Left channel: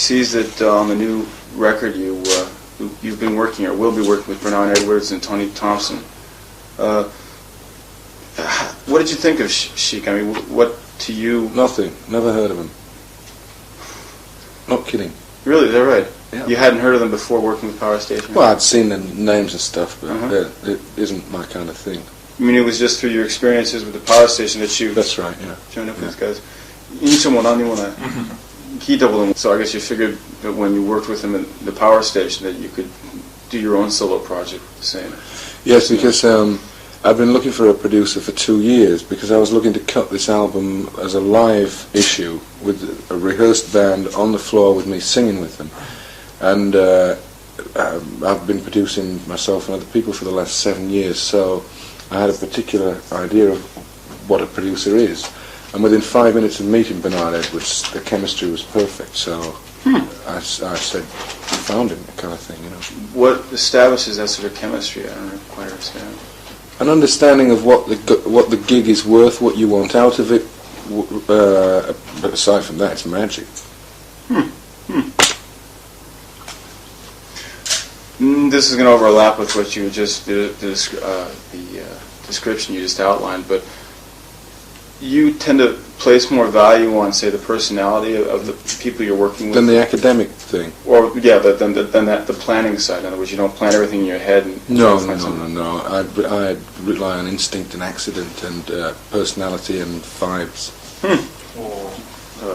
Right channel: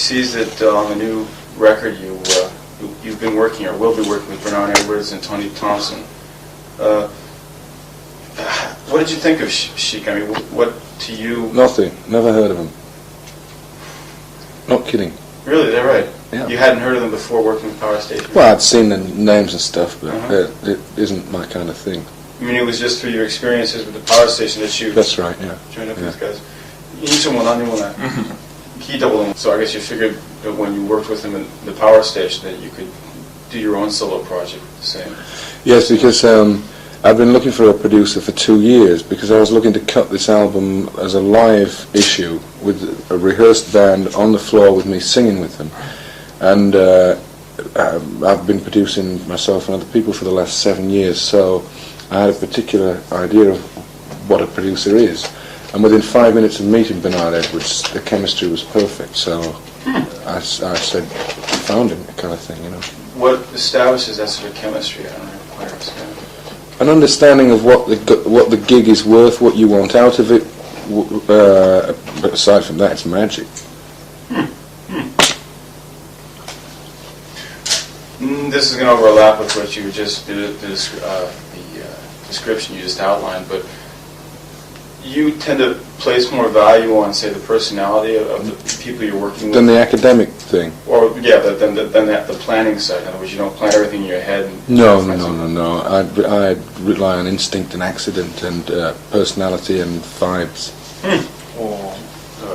sees that on the new record you've been working or will be working with Bernard Edwards and Tony Thompson. What did you think of Chic? I mean, what to you? Nothing. Never heard of him. Not kidding. Really? Is that right? Yeah. You hadn't heard of them before working with Power Station? Well, I'd seen the names and stuff, but it isn't my kind of thing. I mean, it was just through your experiences with the Power Station that you... That's right, yeah. Joined up with these guys. Each one, he doubled in. So I guess you figured that when you worked with him at the Power Station that you could do your own solo project the same. Yes, because I've been looking for a producer for 2 years because I was looking to cut this album as a live issue with a rehearsed band on the floor with me singing with them. And I've been producing myself and other people for the last 7 years, so I had a particular idea of what a producer is. And within 5 minutes of meeting Bernard Edwards, the chemistry was perfect, so I said, found him, kind of thing, you know. What establishes that sort of chemistry? I don't know quite understand. An understanding of what the gig is worth, what you want out of it, but aside from that, it's magic. This is going to overlap with what you just did, the description you just outlined, but you tend to place more value on, say, the personality of the people you're working with? Than the academic thing? Or, yeah, but then the planning side. In other words, you don't plan everything in your head? And No. I'd rely on instinct and accident and personality and vibes. I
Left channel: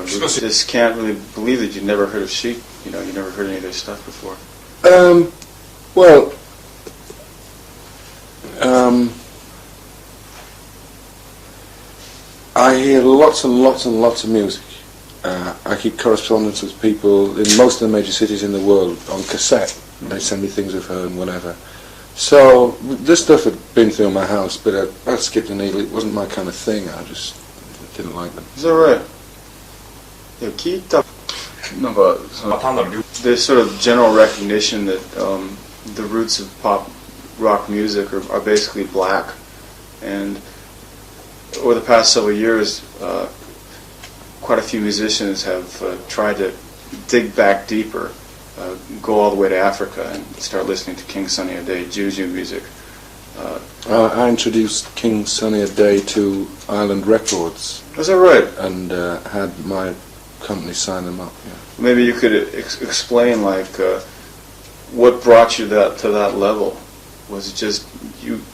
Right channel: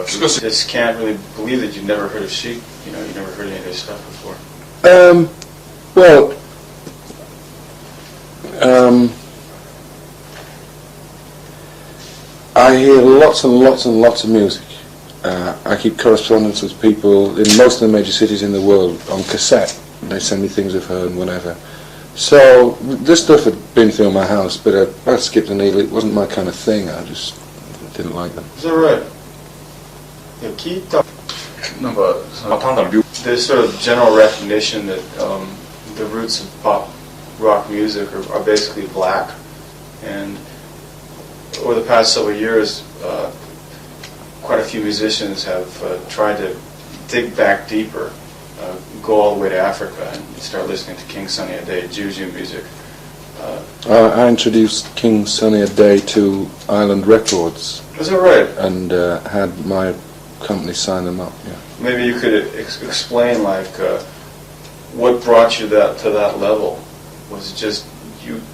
just can't really believe that you've never heard of Chic. You know, you've never heard any of their stuff before. I hear lots and lots and lots of music. I keep correspondence with people in most of the major cities in the world on cassette. And they send me things I've heard and whatever. So this stuff had been through my house, but I skipped the needle. It wasn't my kind of thing. I just didn't like them. Is that right? There's sort of general recognition that the roots of pop rock music are basically black, and over the past several years, quite a few musicians have tried to dig back deeper, go all the way to Africa and start listening to King Sunny Ade, Juju music. I introduced King Sunny Ade to Island Records. Is that right? And had my company sign them up, yeah. Maybe you could explain, like, what brought you to that level? Was it just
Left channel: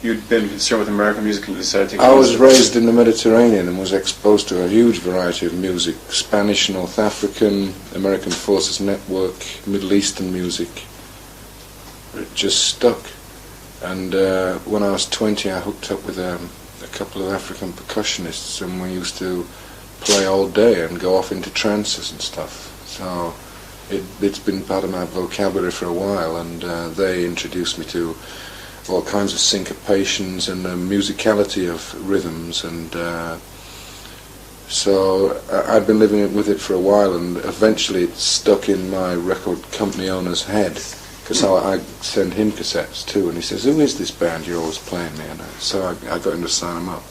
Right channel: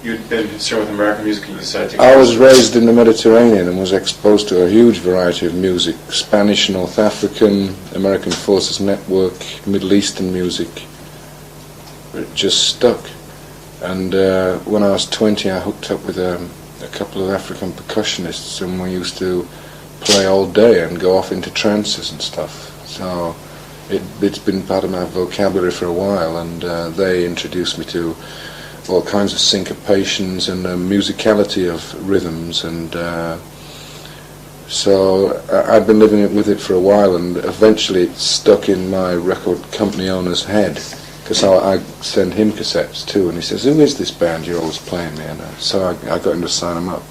you'd been concerned with American music and you decided to... I was raised in the Mediterranean and was exposed to a huge variety of music. Spanish, North African, American Forces Network, Middle Eastern music. It just stuck. And when I was 20, I hooked up with a couple of African percussionists, and we used to play all day and go off into trances and stuff. So it's been part of my vocabulary for a while, and they introduced me to all kinds of syncopations and the musicality of rhythms, and so I'd been living with it for a while, and eventually it stuck in my record company owner's head, because I send him cassettes too, and he says, "Who is this band you're always playing me?" And so I got him to sign them up.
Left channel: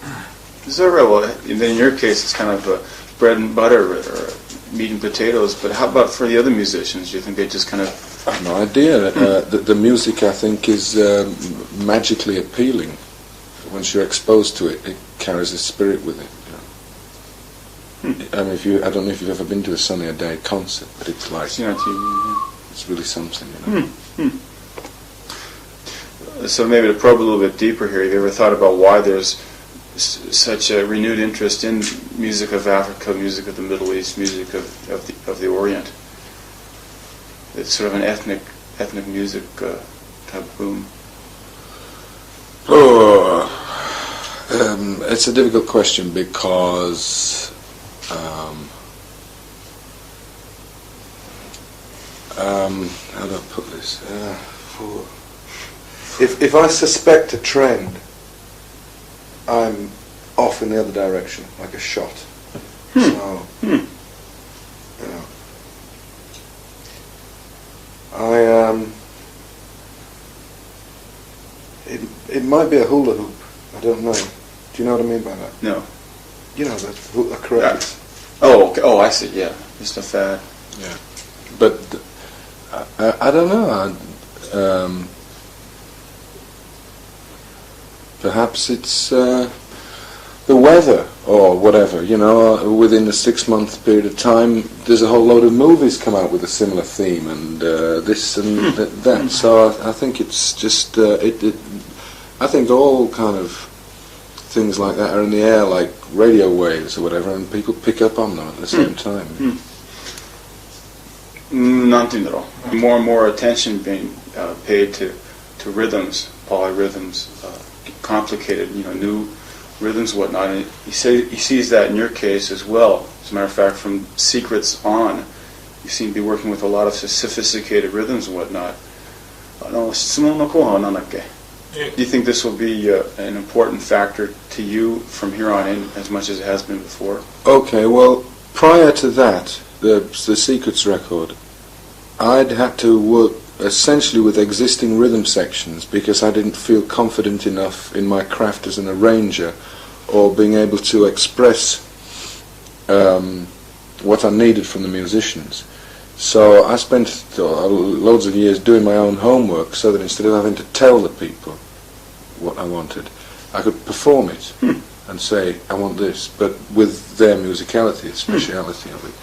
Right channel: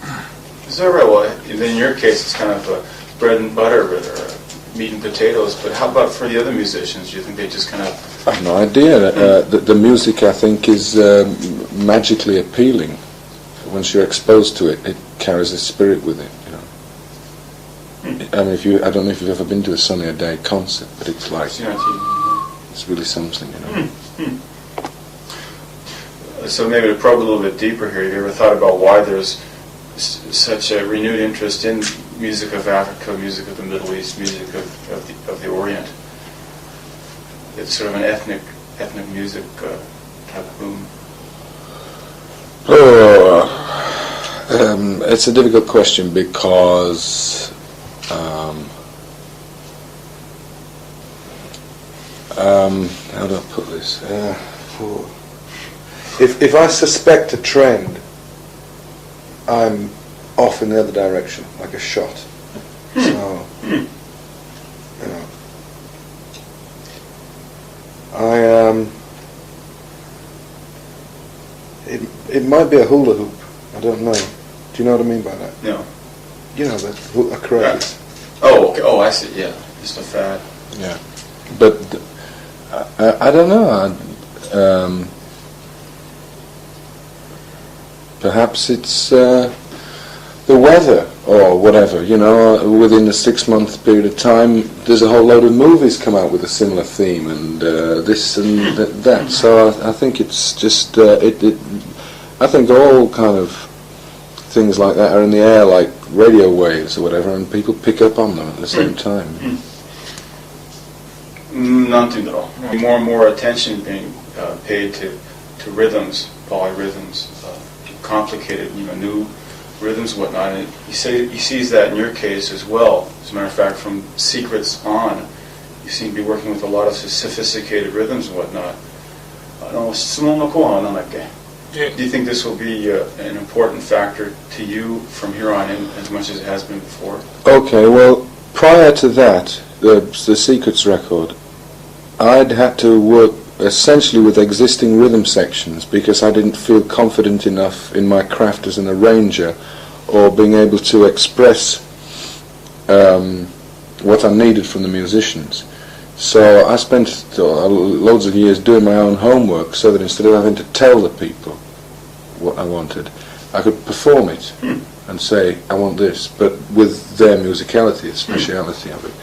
Is that right? Well, in your case, it's kind of bread and butter, or meat and potatoes, but how about for the other musicians? Do you think they just kind of... I have no idea. The music, I think, is magically appealing. Once you're exposed to it, it carries a spirit with it, you know. I mean, I don't know if you've ever been to a Sunny Ade concert, but it's like... It's really something, you know. So maybe to probe a little bit deeper here, have you ever thought about why there's such a renewed interest in music of Africa, music of the Middle East, music of the Orient? It's sort of an ethnic music type of boom. It's a difficult question because how do I put this? If I suspect a trend, I'm off in the other direction, like a shot. So, you know, it might be a hula hoop. I don't know. Do you know what I mean by that? No. You know, a craze. Oh, I see. Yeah, just a fad. Yeah. But I don't know. Perhaps it's the weather or whatever. You know, within a 6-month period of time, there's a whole load of movies come out with a similar theme, and this and that. So I think it's just I think all kind of things like that are in the air, like radio waves or whatever, and people pick up on them at the same time. Nothing at all. More and more attention being paid to rhythms, polyrhythms, complicated, new rhythms, whatnot. And he sees that in your case as well. As a matter of fact, from Secrets on, you seem to be working with a lot of sophisticated rhythms and whatnot. Do you think this will be an important factor to you from here on in, as much as it has been before? Okay, well, prior to that, the Secrets record, I'd had to work essentially with existing rhythm sections because I didn't feel confident enough in my craft as an arranger or being able to express what I needed from the musicians. So I spent loads of years doing my own homework so that instead of having to tell the people what I wanted, I could perform it and say, I want this, but with their musicality, the speciality of it.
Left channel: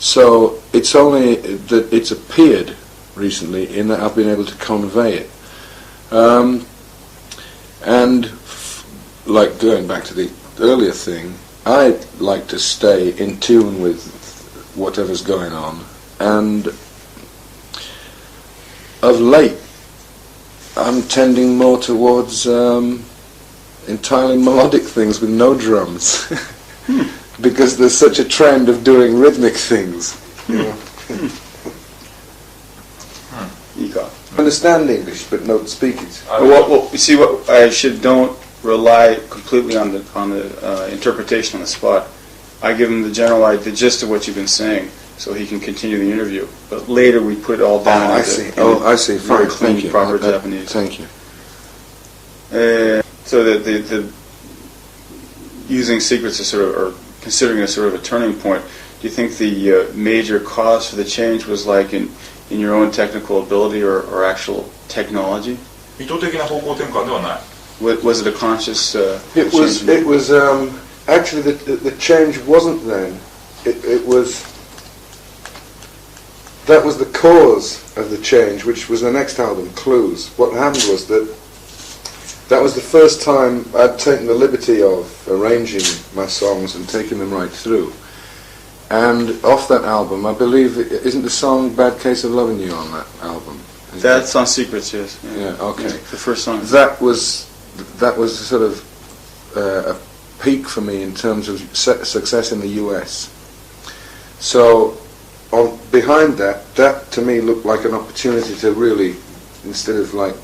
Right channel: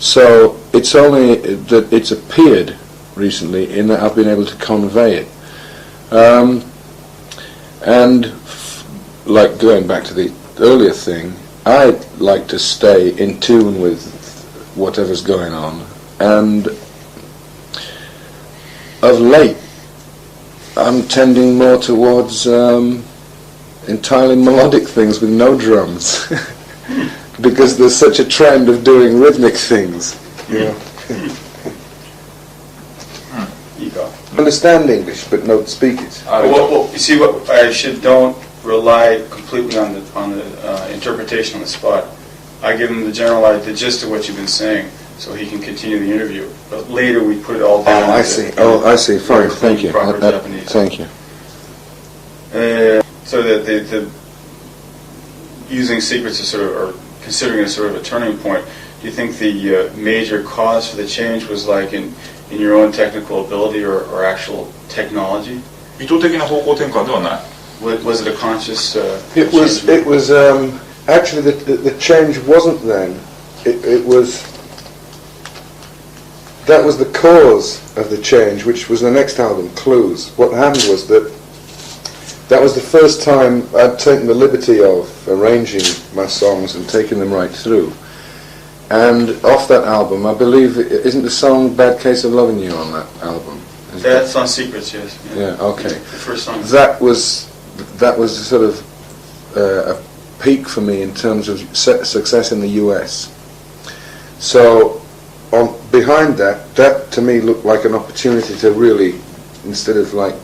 So it's only that it's appeared recently in that I've been able to convey it. And like going back to the earlier thing, I like to stay in tune with whatever's going on. And of late, I'm tending more towards entirely melodic things with no drums. Because there's such a trend of doing rhythmic things, You go. Understand English, but don't speak it. Well, you see, what I don't rely completely on the interpretation on the spot. I give him the gist of what you've been saying, so he can continue the interview. But later we put it all down. I see. I see. Fine. Thank you. Thank you. So that the using Secrets as or considering it sort of a turning point, do you think the major cause for the change was like in your own technical ability or actual technology? 意図的な方向転換ではない。Was it a conscious? It was actually the change wasn't then. It was. That was the cause of the change, which was the next album, Clues. What happened was that was the first time I'd taken the liberty of arranging my songs and taking them right through. And off that album, I believe, isn't the song Bad Case of Loving You on that album? That's on Secrets, yes. Yeah, okay. The first song. That was sort of a peak for me in terms of success in the US. So behind that to me looked like an opportunity to really, instead of like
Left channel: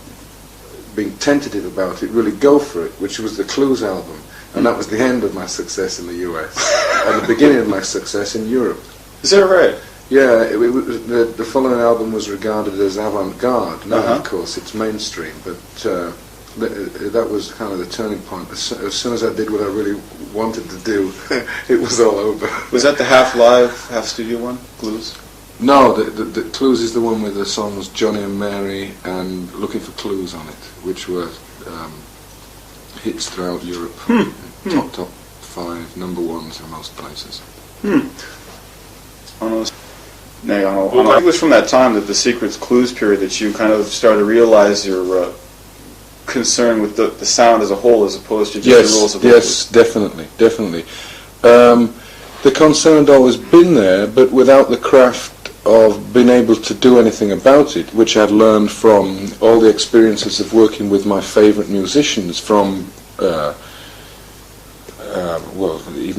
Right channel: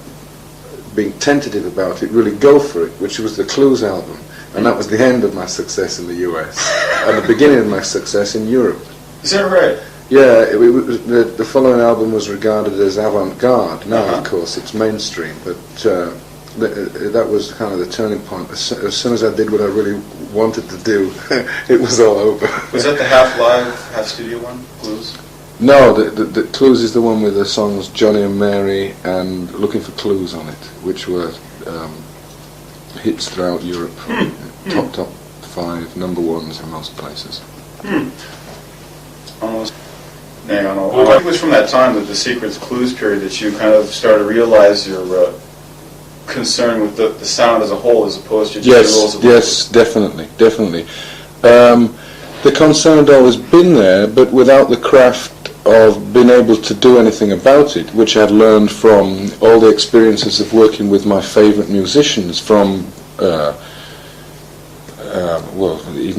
being tentative about it, really go for it, which was the Clues album. And that was the end of my success in the US and the beginning of my success in Europe. Is that right? Yeah, the following album was regarded as avant-garde. Now, of course, it's mainstream, but that was kind of the turning point. As soon as I did what I really wanted to do, it was all over. Was that the half live, half studio one, Clues? No, the Clues is the one with the songs Johnny and Mary and Looking for Clues on it, which were hits throughout Europe. Top 5, number ones in most places. I think it was from that time, that the Secrets Clues period, that you kind of started to realize your concern with the sound as a whole, as opposed to just the rules of Yes, definitely. The concern had always been there, but without the craft of being able to do anything about it, which I'd learned from all the experiences of working with my favourite musicians from, even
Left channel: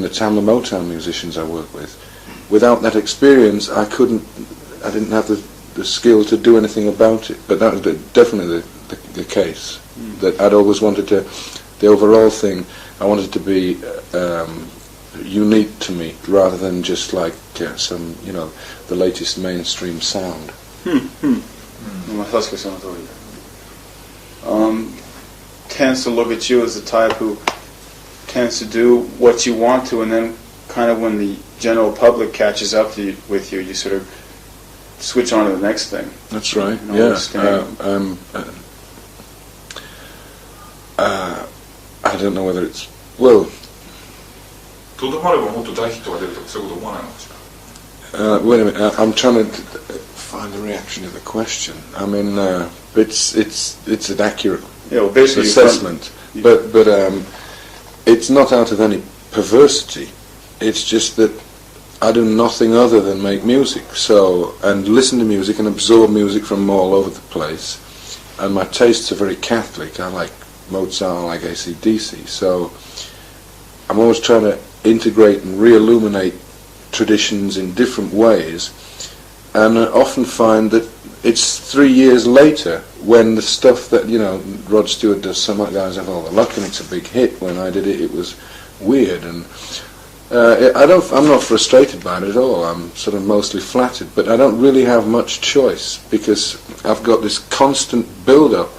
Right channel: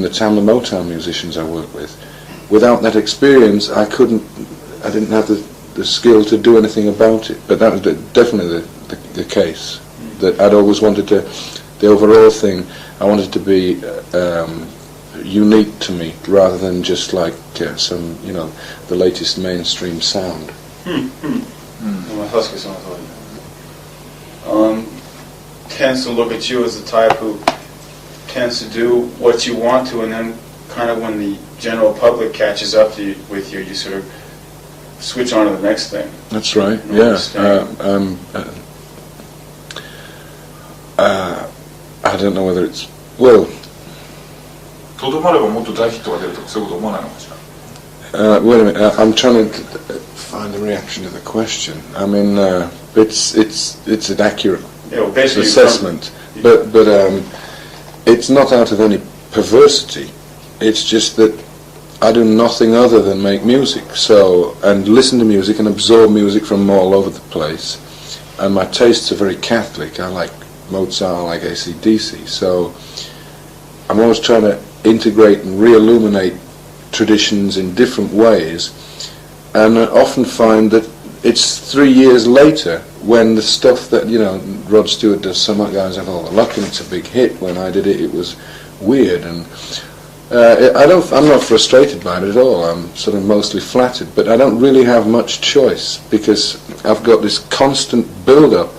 the Tamla Motown musicians I work with. Without that experience, I didn't have the skill to do anything about it. But that was definitely the case. That I'd always wanted the overall thing, I wanted to be unique to me, rather than just like some, the latest mainstream sound. Tends to look at you as the type who tends to do what you want to, and then kind of when the general public catches up with you, you sort of switch on to the next thing. That's right. No Yeah. understanding. I don't know whether it's well. とどまればもっと大ヒットが出るとかそういうこと思わないのかしら。 Wait a minute. I'm trying to find a reaction to the question. I mean, it's an accurate Basically, assessment, but it's not out of any perversity. It's just that I do nothing other than make music, and listen to music and absorb music from all over the place. And my tastes are very Catholic. I like Mozart, I like AC/DC. So I'm always trying to integrate and re-illuminate traditions in different ways, and I often find that it's 3 years later when the stuff that Rod Stewart does, Some Guys Have All the Luck, and it's a big hit. When I did it, it was weird, and I'm not frustrated by it at all. I'm sort of mostly flattered, but I don't really have much choice because I've got this constant build-up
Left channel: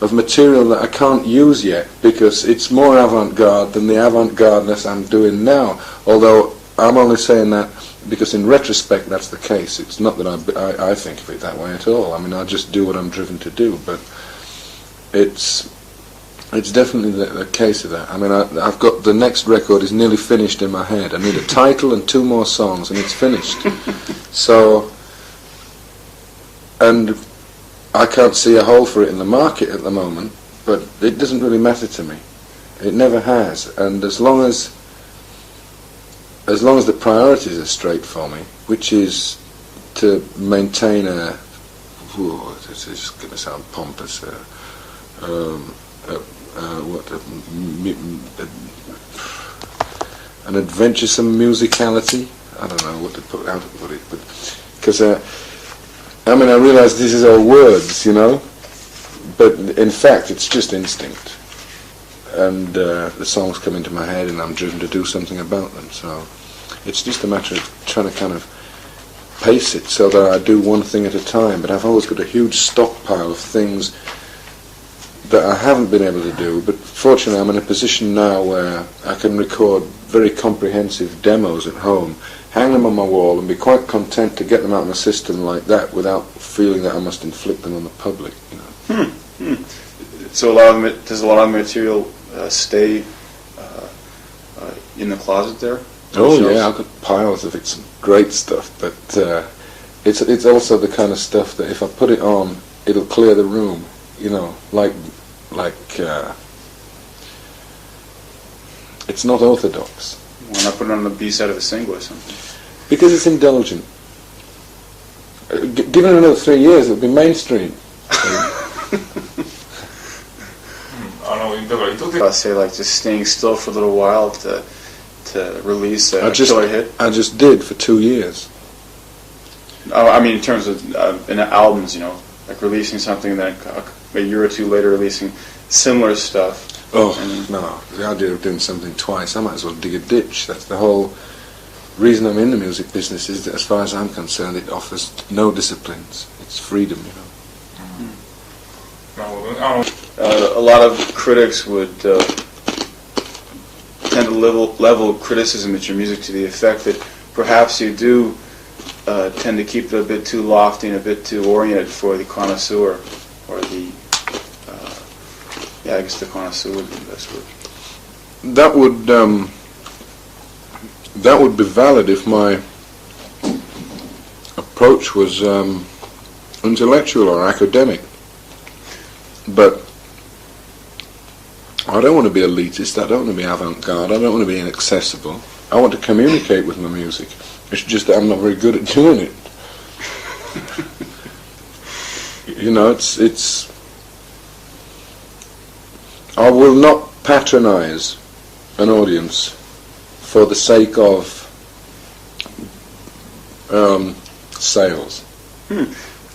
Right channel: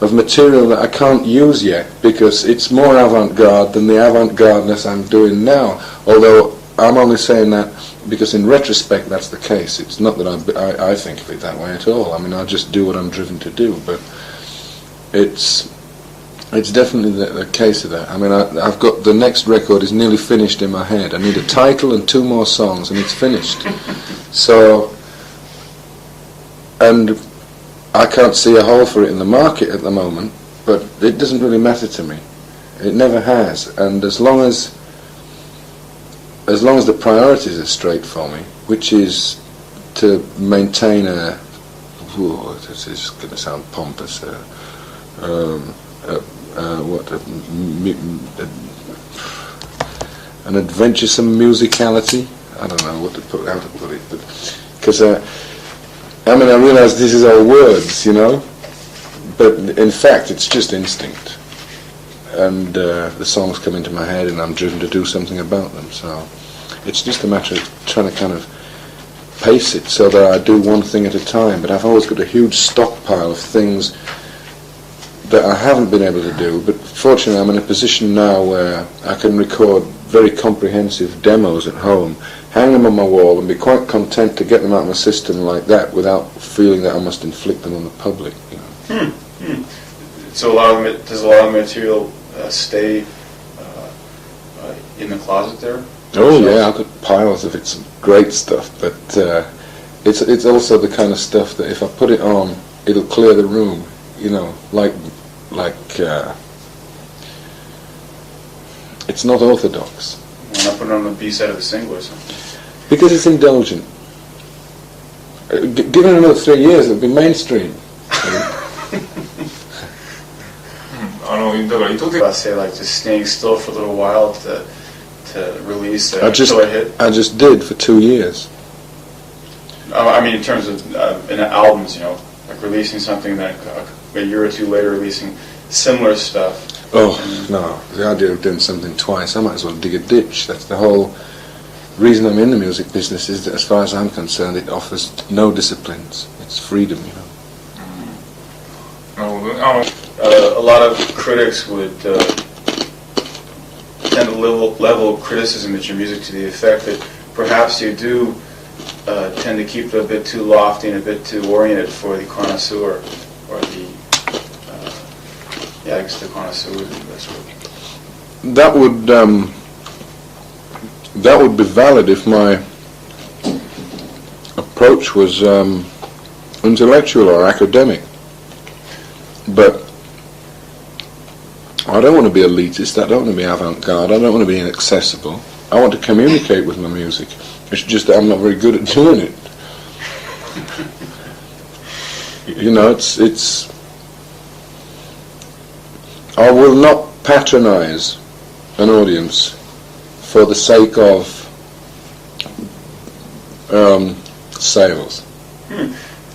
of material that I can't use yet because it's more avant-garde than the avant-gardeness I'm doing now. Although I'm only saying that because in retrospect that's the case. It's not that I think of it that way at all. I mean, I just do what I'm driven to do, but it's definitely the case of that. I mean, I've got the next record is nearly finished in my head. I need a title and 2 more songs and it's finished. So, and I can't see a hole for it in the market at the moment, but it doesn't really matter to me. It never has, and as long as the priorities are straight for me, which is to maintain this is going to sound pompous, an adventuresome musicality. I don't know how to put it, but because I mean, I realise this is all words, but in fact it's just instinct, and the songs come into my head and I'm driven to do something about them, so it's just a matter of trying to kind of pace it so that I do one thing at a time. But I've always got a huge stockpile of things that I haven't been able to do, but fortunately I'm in a position now where I can record very comprehensive demos at home, hang them on my wall and be quite content to get them out of my system like that without feeling that I must inflict them on the public. So does a lot of material stay in the closet there? Oh yeah, I've got piles of it, some great stuff, but it's also the kind of stuff that if I put it on, it'll clear the room, like it's not orthodox. Why not put it on the B side of the single or something? Because it's indulgent. Given another 3 years, it'll be mainstream. だから意図的 I'd say like just staying still for a little while to release I just joy hit. did for 2 years. I mean, in terms of in albums, like releasing something, then a year or 2 later releasing similar stuff. Oh no, the idea of doing something twice, I might as well dig a ditch. That's the whole reason I'm in the music business, is that as far as I'm concerned it offers no disciplines. It's freedom, なるほどね。A lot of critics would tend to level criticism at your music to the effect that perhaps you do tend to keep it a bit too lofty and a bit too oriented for the connoisseur, or the I guess the connoisseur would be the best word. That would be valid if my approach was intellectual or academic, but I don't want to be elitist, I don't want to be avant-garde, I don't want to be inaccessible. I want to communicate with my music. It's just that I'm not very good at doing it. It's I will not patronize an audience for the sake of sales.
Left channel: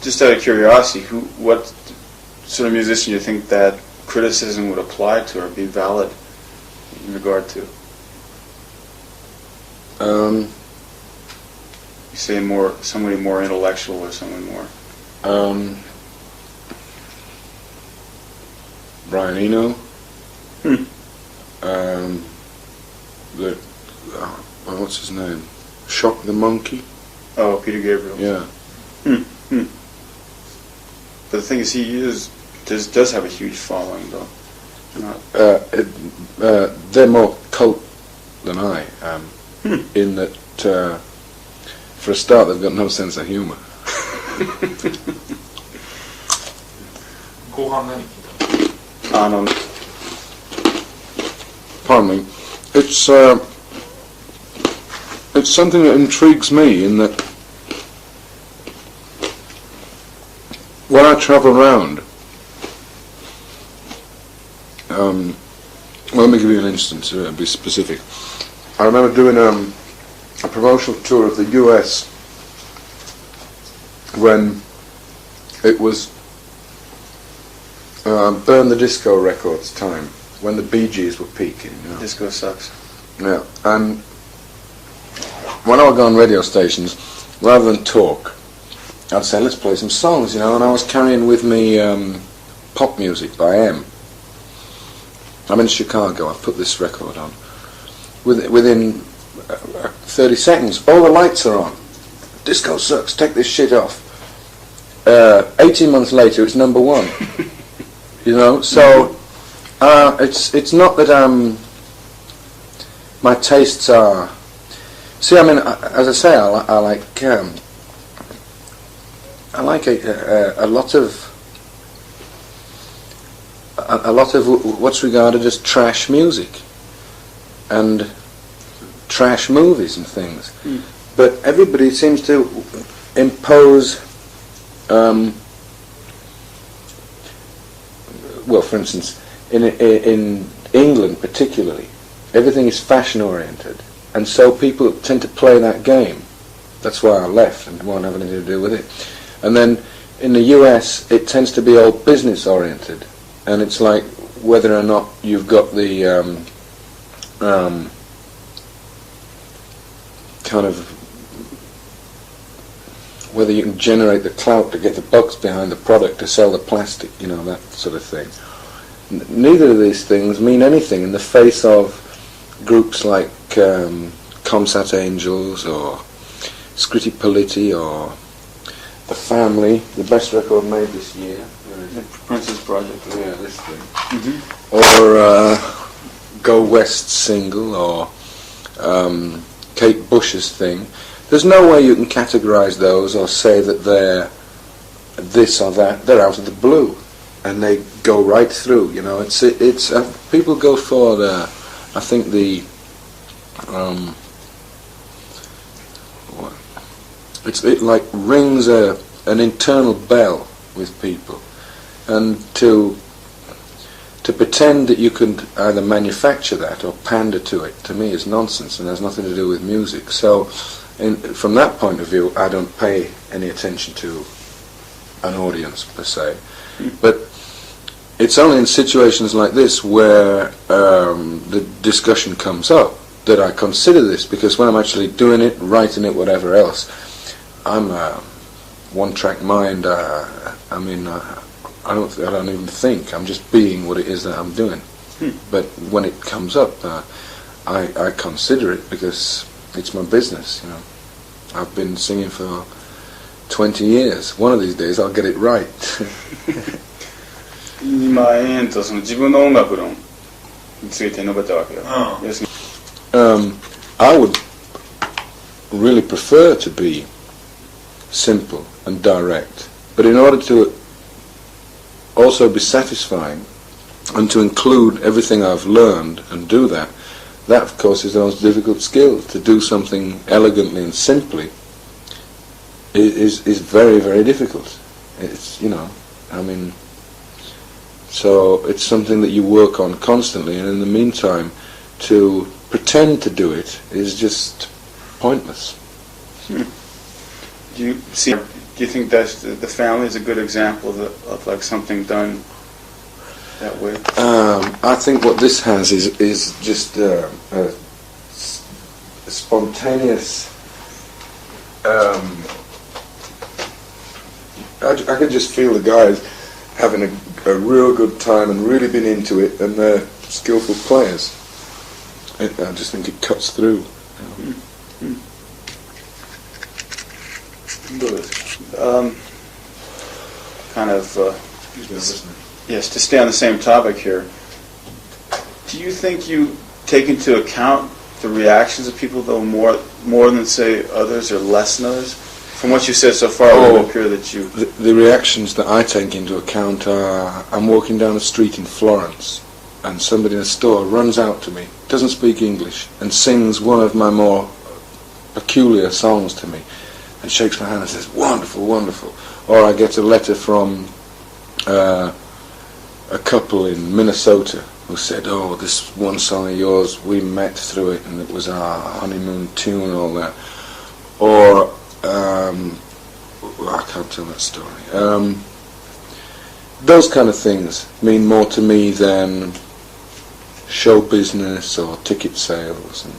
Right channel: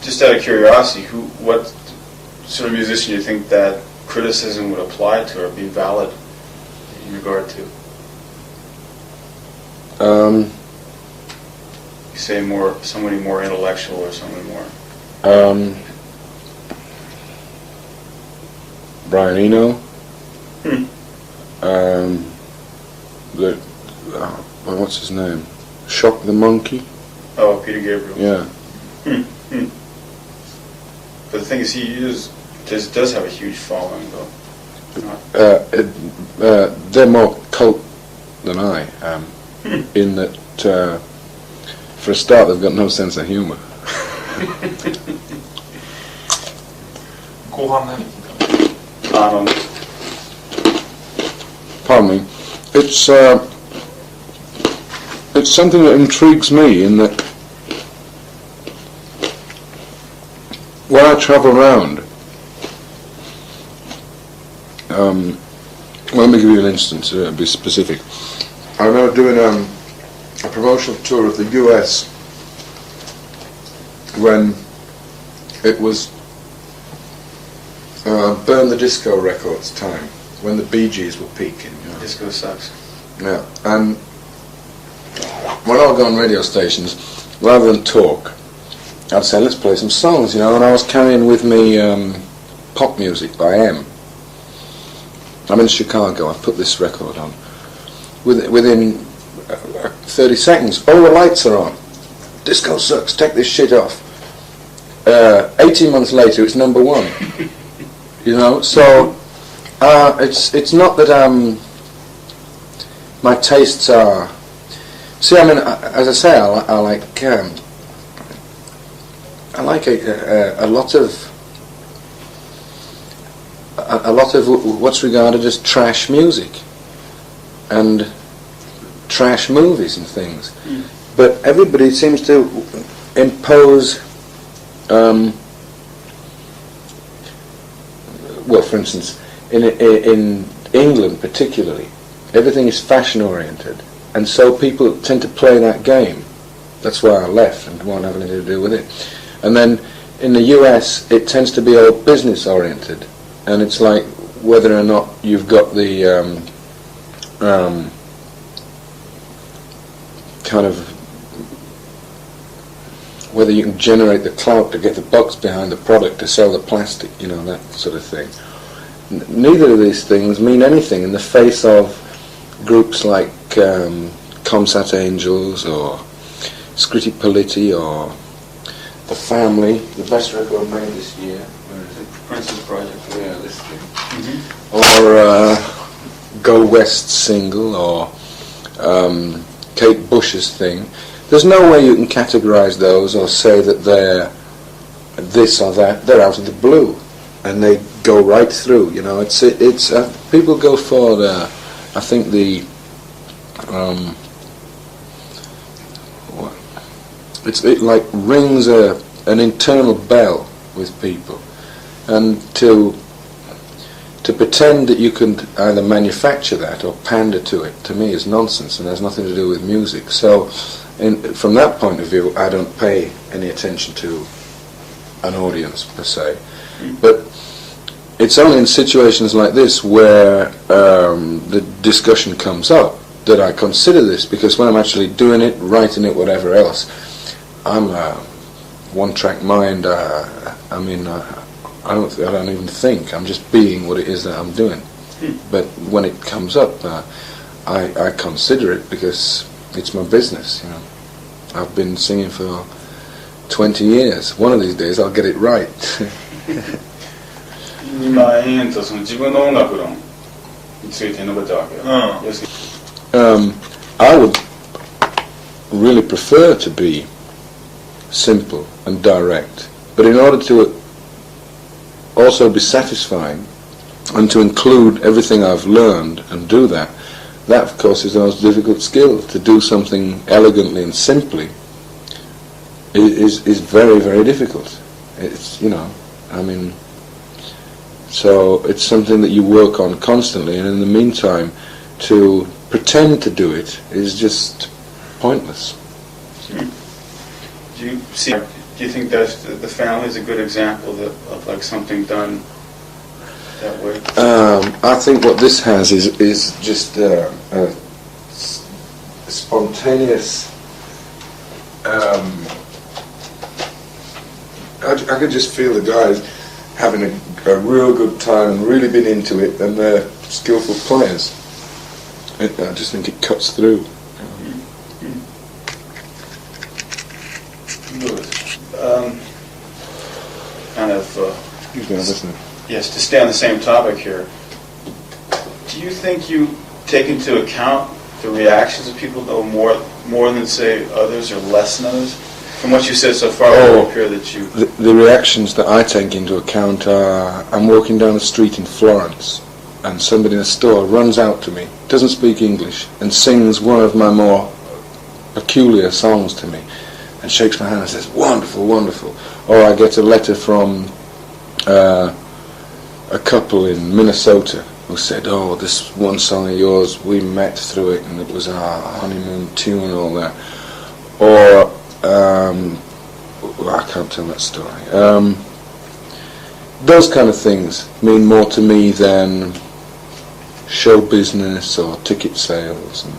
Just out of curiosity, what sort of musician do you think that criticism would apply to or be valid in regard to? You say somebody more intellectual or somebody more. Brian Eno. What's his name? Shock the Monkey. Oh, Peter Gabriel. Yeah. But the thing is, does have a huge following, though. They're more cult than I am, in that, for a start, they've got no sense of humour. 後半何聞い Pardon me. It's something that intrigues me in that when I travel around, well, let me give you an instance, be specific. I remember doing a promotional tour of the US when it was Burn the Disco Records time, when the Bee Gees were peaking. You know. Disco sucks. Yeah, and when I would go on radio stations, rather than talk, I'd say, let's play some songs, you know, and I was carrying with me pop music by M. I'm in Chicago, I put this record on. Within 30 seconds, all the lights are on. Disco sucks, take this shit off. 18 months later, it's number one. You know, so it's not that my tastes are. See, I mean, as I say, I like a lot of what's regarded as trash music and trash movies and things. But everybody seems to impose. Well, for instance, in England particularly, everything is fashion oriented, and so people tend to play that game. That's why I left and won't have anything to do with it. And then in the US, it tends to be all business oriented, and it's like whether or not you've got the kind of whether you can generate the clout to get the bucks behind the product to sell the plastic, you know, that sort of thing. Neither of these things mean anything in the face of groups like Comsat Angels or Scritti Politti or The Family, the best record made this year. Princess Project. Yeah, this thing. Or Go West single, or Kate Bush's thing. There's no way you can categorise those or say that they're this or that. They're out of the blue, and they go right through. You know, it's people go for the, I think the, it like rings an internal bell with people, and to pretend that you can either manufacture that or pander to it, to me, is nonsense and has nothing to do with music. So. From that point of view, I don't pay any attention to an audience per se, but it's only in situations like this where the discussion comes up that I consider this, because when I'm actually doing it, writing it, whatever else, I'm a one-track mind. I don't even think. I'm just being what it is that I'm doing. But when it comes up, I consider it because it's my business, you know. I've been singing for 20 years. One of these days I'll get it right. 今その自分の音楽論について述べたわけよ。要するに I would really prefer to be simple and direct, but in order to also be satisfying and to include everything I've learned and do that, of course is the most difficult skill. To do something elegantly and simply is very, very difficult. It's, you know, I mean, so it's something that you work on constantly, and in the meantime to pretend to do it is just pointless. Do you think that the Family is a good example of like something done that way? I think what this has is just a spontaneous. I could just feel the guys having a real good time and really been into it, and they're skillful players. I just think it cuts through. どうです kind of, He's going to listen. yes, to stay on the same topic here, do you think you take into account the reactions of people, though, more than, say, others or less than others? From what you said so far, it would appear that you... The reactions that I take into account are, I'm walking down the street in Florence, and somebody in a store runs out to me, doesn't speak English, and sings one of my more peculiar songs to me, and shakes my hand and says, "Wonderful, wonderful." Or I get a letter from a couple in Minnesota who said, "Oh, this one song of yours, we met through it, and it was our honeymoon tune," and all that. Or, I can't tell that story. Those kind of things mean more to me than show business or ticket sales. And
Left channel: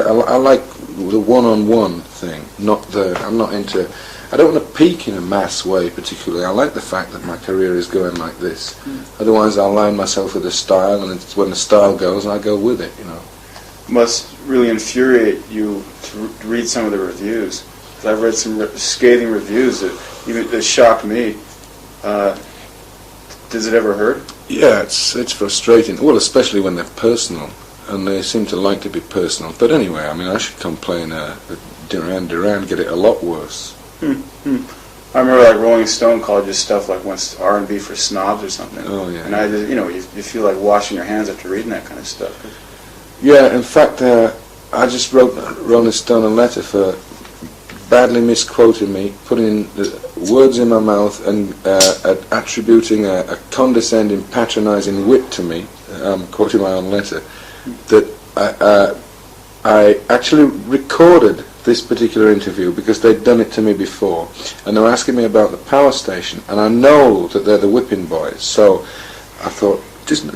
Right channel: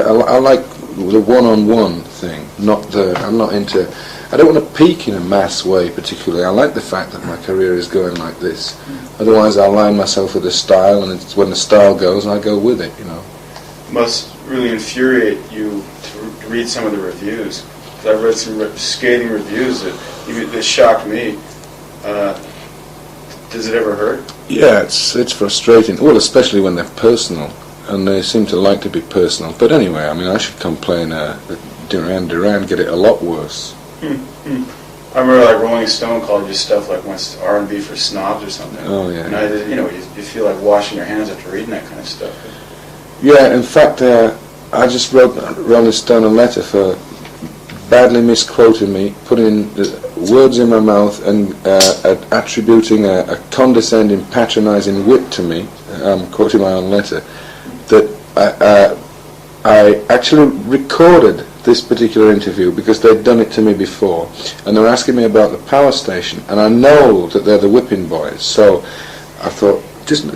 I like the one-on-one thing, I'm not into... I don't want to peak in a mass way particularly. I like the fact that my career is going like this. Otherwise I'll line myself with a style, and it's when the style goes, I go with it, you know. It must really infuriate you to read some of the reviews. I've read some scathing reviews that shocked me. Does it ever hurt? Yeah, it's frustrating. Well, especially when they're personal, and they seem to like to be personal. But anyway, I mean, I should come playing Duran Duran, get it a lot worse. I remember like Rolling Stone called your stuff like R&B for snobs or something. Oh yeah. And you feel like washing your hands after reading that kind of stuff. Yeah, in fact, I just wrote Rolling Stone a letter for badly misquoting me, putting words in my mouth and attributing a condescending, patronising wit to me. I'm quoting my own letter. That I actually recorded this particular interview because they'd done it to me before, and they were asking me about the power station, and I know that they're the whipping boys, so I thought,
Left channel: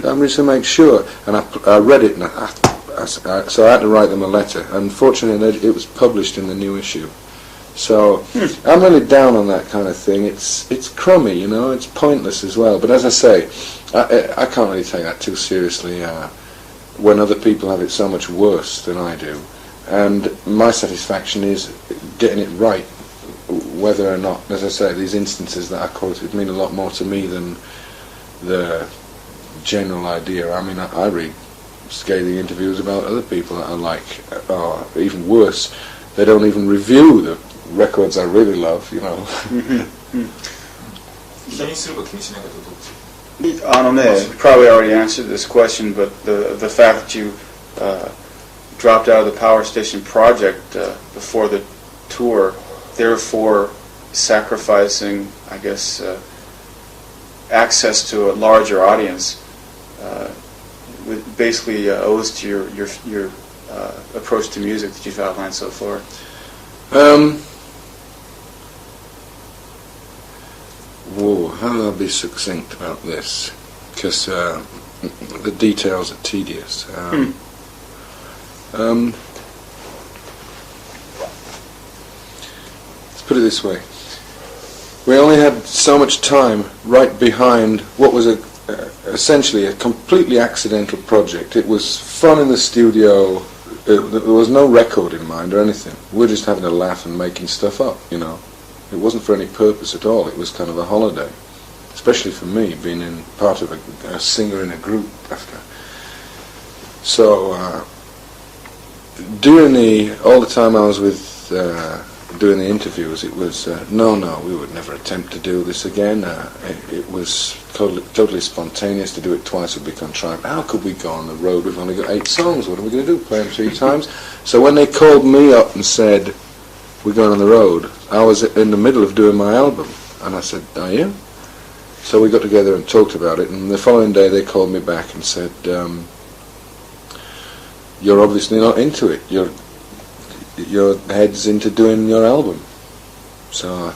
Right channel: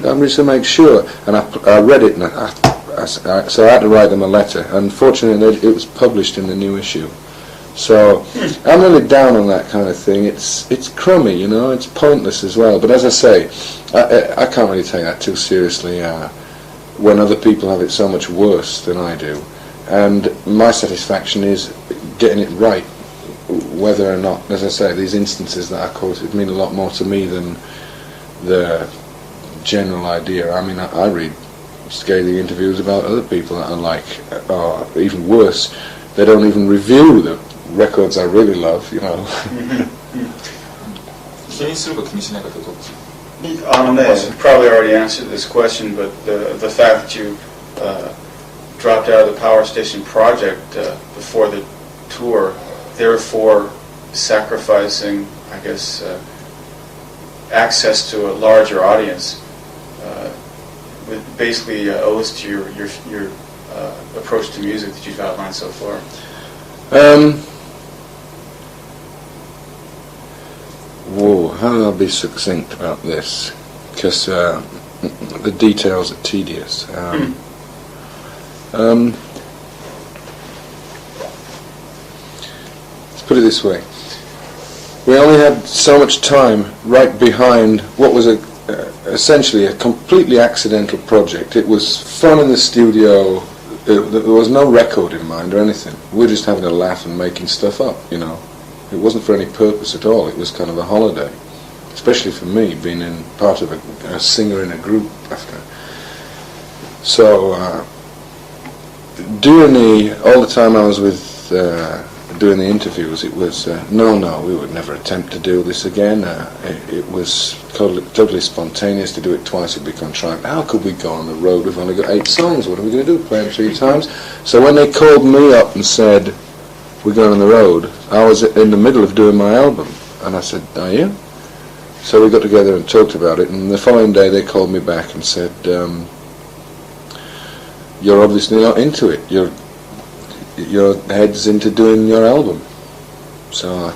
I'm just to make sure, and I read it, and so I had to write them a letter. Unfortunately, it was published in the new issue. So I'm really down on that kind of thing. It's crummy, you know. It's pointless as well. But as I say, I can't really take that too seriously when other people have it so much worse than I do. And my satisfaction is getting it right, whether or not, as I say, these instances that I quoted mean a lot more to me than the general idea. I mean, I read scathing interviews about other people that I like, or even worse, they don't even review the records I really love, you know. 気にするか気にしないかとどっち? You probably already answered this question, but the fact that you dropped out of the Power Station project before the tour, therefore sacrificing, I guess, access to a larger audience, basically owes to your approach to music that you've outlined so far. Whoa, how do I be succinct about this? Because the details are tedious. Let's put it this way. We only had so much time right behind what was essentially a completely accidental project. It was fun in the studio. There was no record in mind or anything. We were just having a laugh and making stuff up, you know. It wasn't for any purpose at all. It was kind of a holiday, especially for me, being in part of a singer in a group after. So all the time I was with doing the interviews, it was no, we would never attempt to do this again. It was totally spontaneous. To do it twice would be contrived. How could we go on the road? We've only got 8 songs. What are we going to do? Play them 3 times? So when they called me up and said, "We're going on the road," I was in the middle of doing my album, and I said, "Are you?" So we got together and talked about it, and the following day they called me back and said, "You're obviously not into it. Your head's into doing your album, so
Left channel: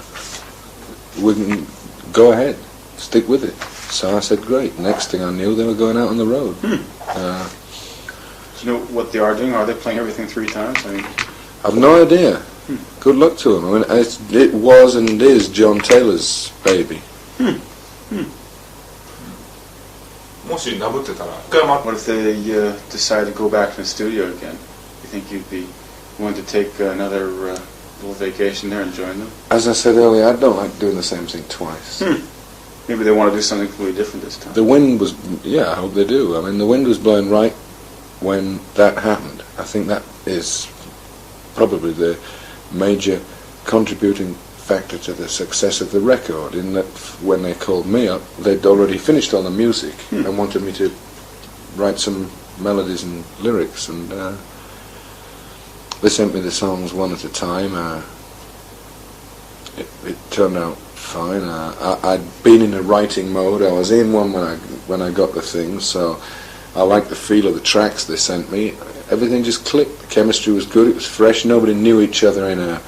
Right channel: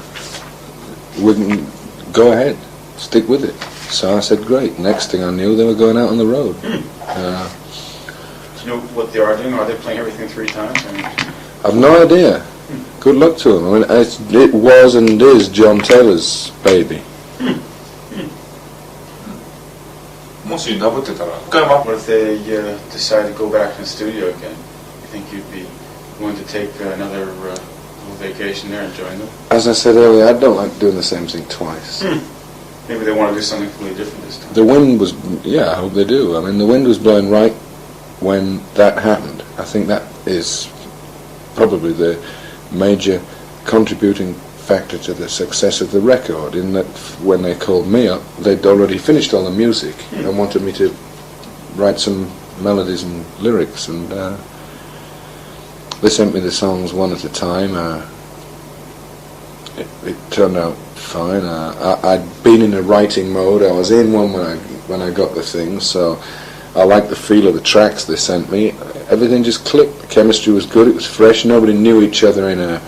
we can go ahead, stick with it." So I said, "Great." Next thing I knew, they were going out on the road. Do you know what they are doing? Are they playing everything 3 times? I've no idea. Good luck to them. I mean, it was and is John Taylor's baby. もしダブってたら What if they decide to go back to the studio again? You think you'd be willing to take another little vacation there, enjoying them. As I said earlier, I don't like doing the same thing twice. Maybe they want to do something completely different this time. The wind was, I hope they do. I mean, the wind was blowing right when that happened. I think that is probably the major contributing factor to the success of the record, in that when they called me up, they'd already finished all the music and wanted me to write some melodies and lyrics, and they sent me the songs one at a time. It turned out fine. I'd been in a writing mode. I was in one when I got the thing, so I liked the feel of the tracks they sent me. Everything just clicked. The chemistry was good. It was fresh. Nobody knew each other in a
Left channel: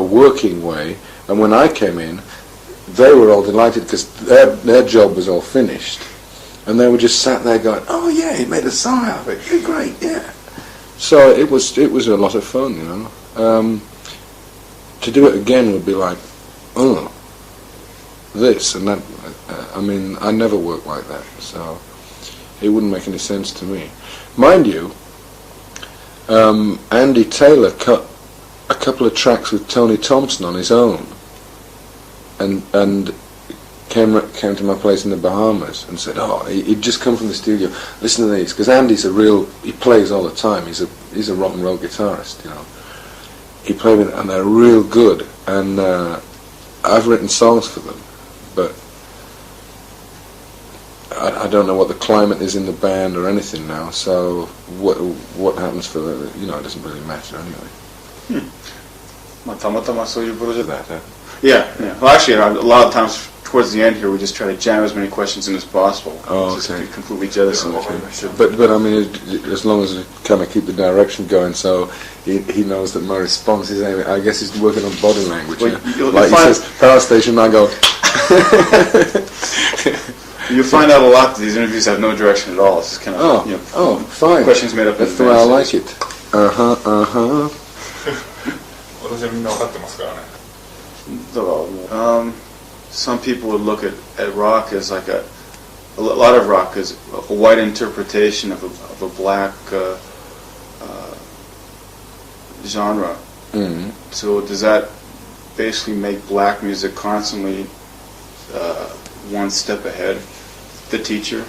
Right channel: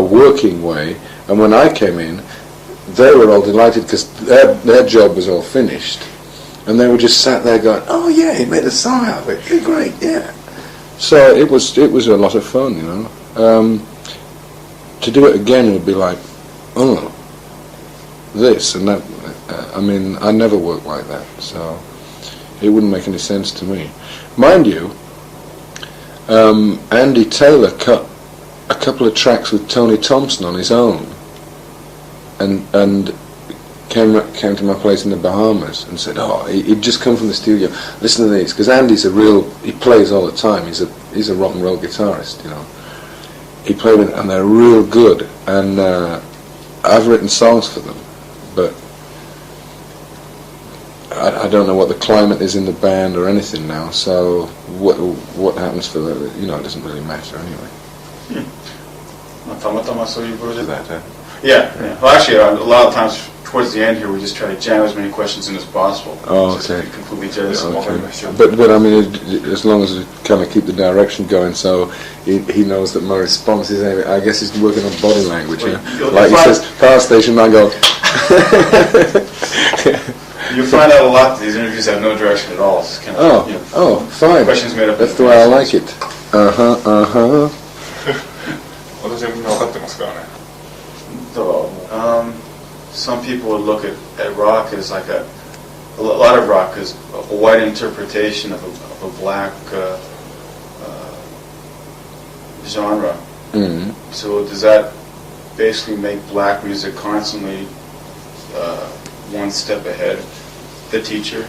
working way. And when I came in, they were all delighted because their job was all finished, and they were just sat there going, "Oh yeah, he made a song out of it. You're great, yeah." So it was a lot of fun, you know. To do it again would be like, oh, this and that. I mean, I never worked like that, so it wouldn't make any sense to me. Mind you, Andy Taylor cut a couple of tracks with Tony Thompson on his own, and came to my place in the Bahamas and said, "Oh, he'd just come from the studio. Listen to these, because Andy's he plays all the time. He's a rock and roll guitarist, you know. He played with, and they're real good. And I've written songs for them, but I don't know what the climate is in the band or anything now. So what happens for the, you know, it doesn't really matter anyway." Yeah. Well, actually, a lot of times towards the end here, we just try to jam as many questions in as possible. Oh, okay. Just completely jealous of all Okay. my stuff. But I mean, as long as we kind of keep the direction going, so he knows that my response is, I guess he's working on body language. Well, Yeah? Like he says, power station, I go. You find out a lot that these interviews have no direction at all. It's kind of, Fine. questions made up. That's the way I like it. 私はみんな分かってますからね。 So, some people would look at rock as like a lot of rock as a white interpretation of a black genre. Mm. So does that basically make black music constantly one step ahead the teacher?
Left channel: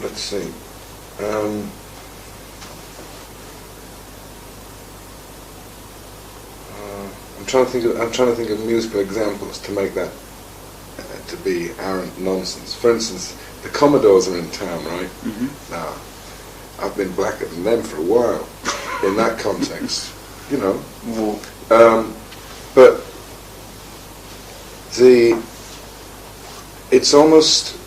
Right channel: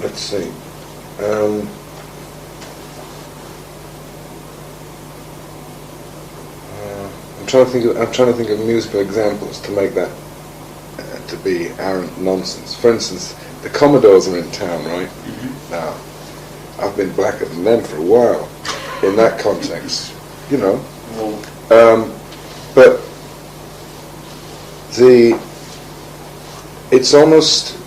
Let's see. I'm trying to think of musical examples to make that to be arrant nonsense. For instance, the Commodores are in town, right? Mm-hmm. Now, I've been blacker than them for a while in that context, you know. But it's almost,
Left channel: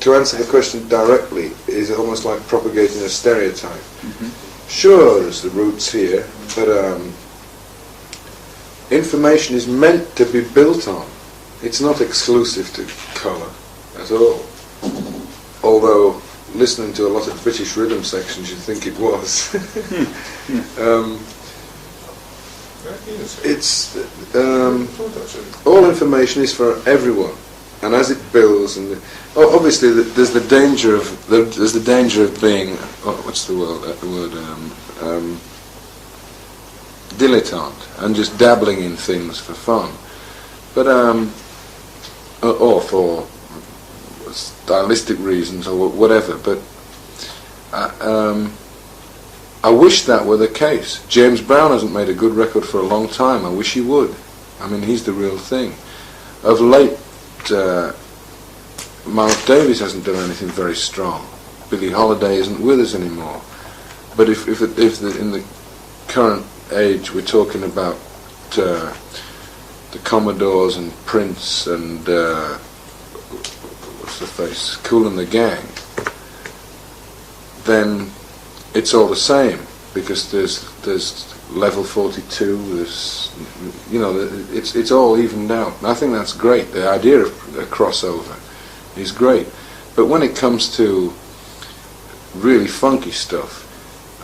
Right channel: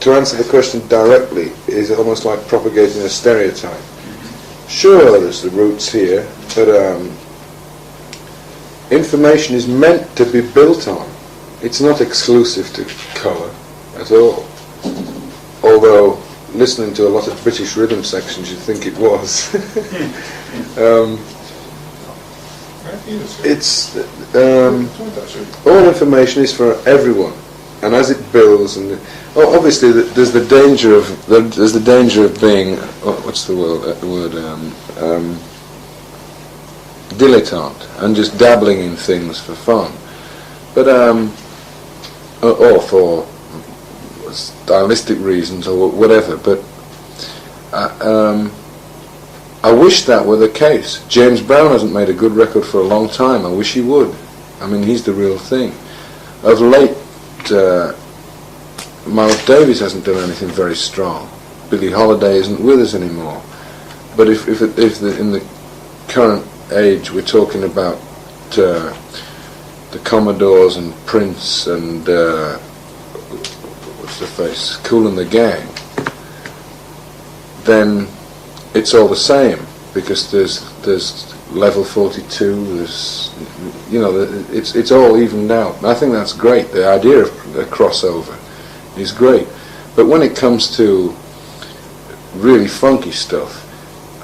to answer the question directly, is almost like propagating a stereotype. Mm-hmm. Sure, there's the roots here, but information is meant to be built on. It's not exclusive to colour at all. Although, listening to a lot of British rhythm sections, you'd think it was. It's all information is for everyone, and as it builds, and obviously there's the danger of being what's the word dilettante and just dabbling in things for fun, but or for stylistic reasons or whatever. But I wish that were the case. James Brown hasn't made a good record for a long time. I wish he would. I mean, he's the real thing. Of late, Miles Davis hasn't done anything very strong. Billie Holiday isn't with us anymore. But if in the current age we're talking about the Commodores and Prince and what's the face, Kool and the Gang, then it's all the same, because there's level 42, there's, you know, it's all evened out. And I think that's great. The idea of a crossover is great, but when it comes to really funky stuff,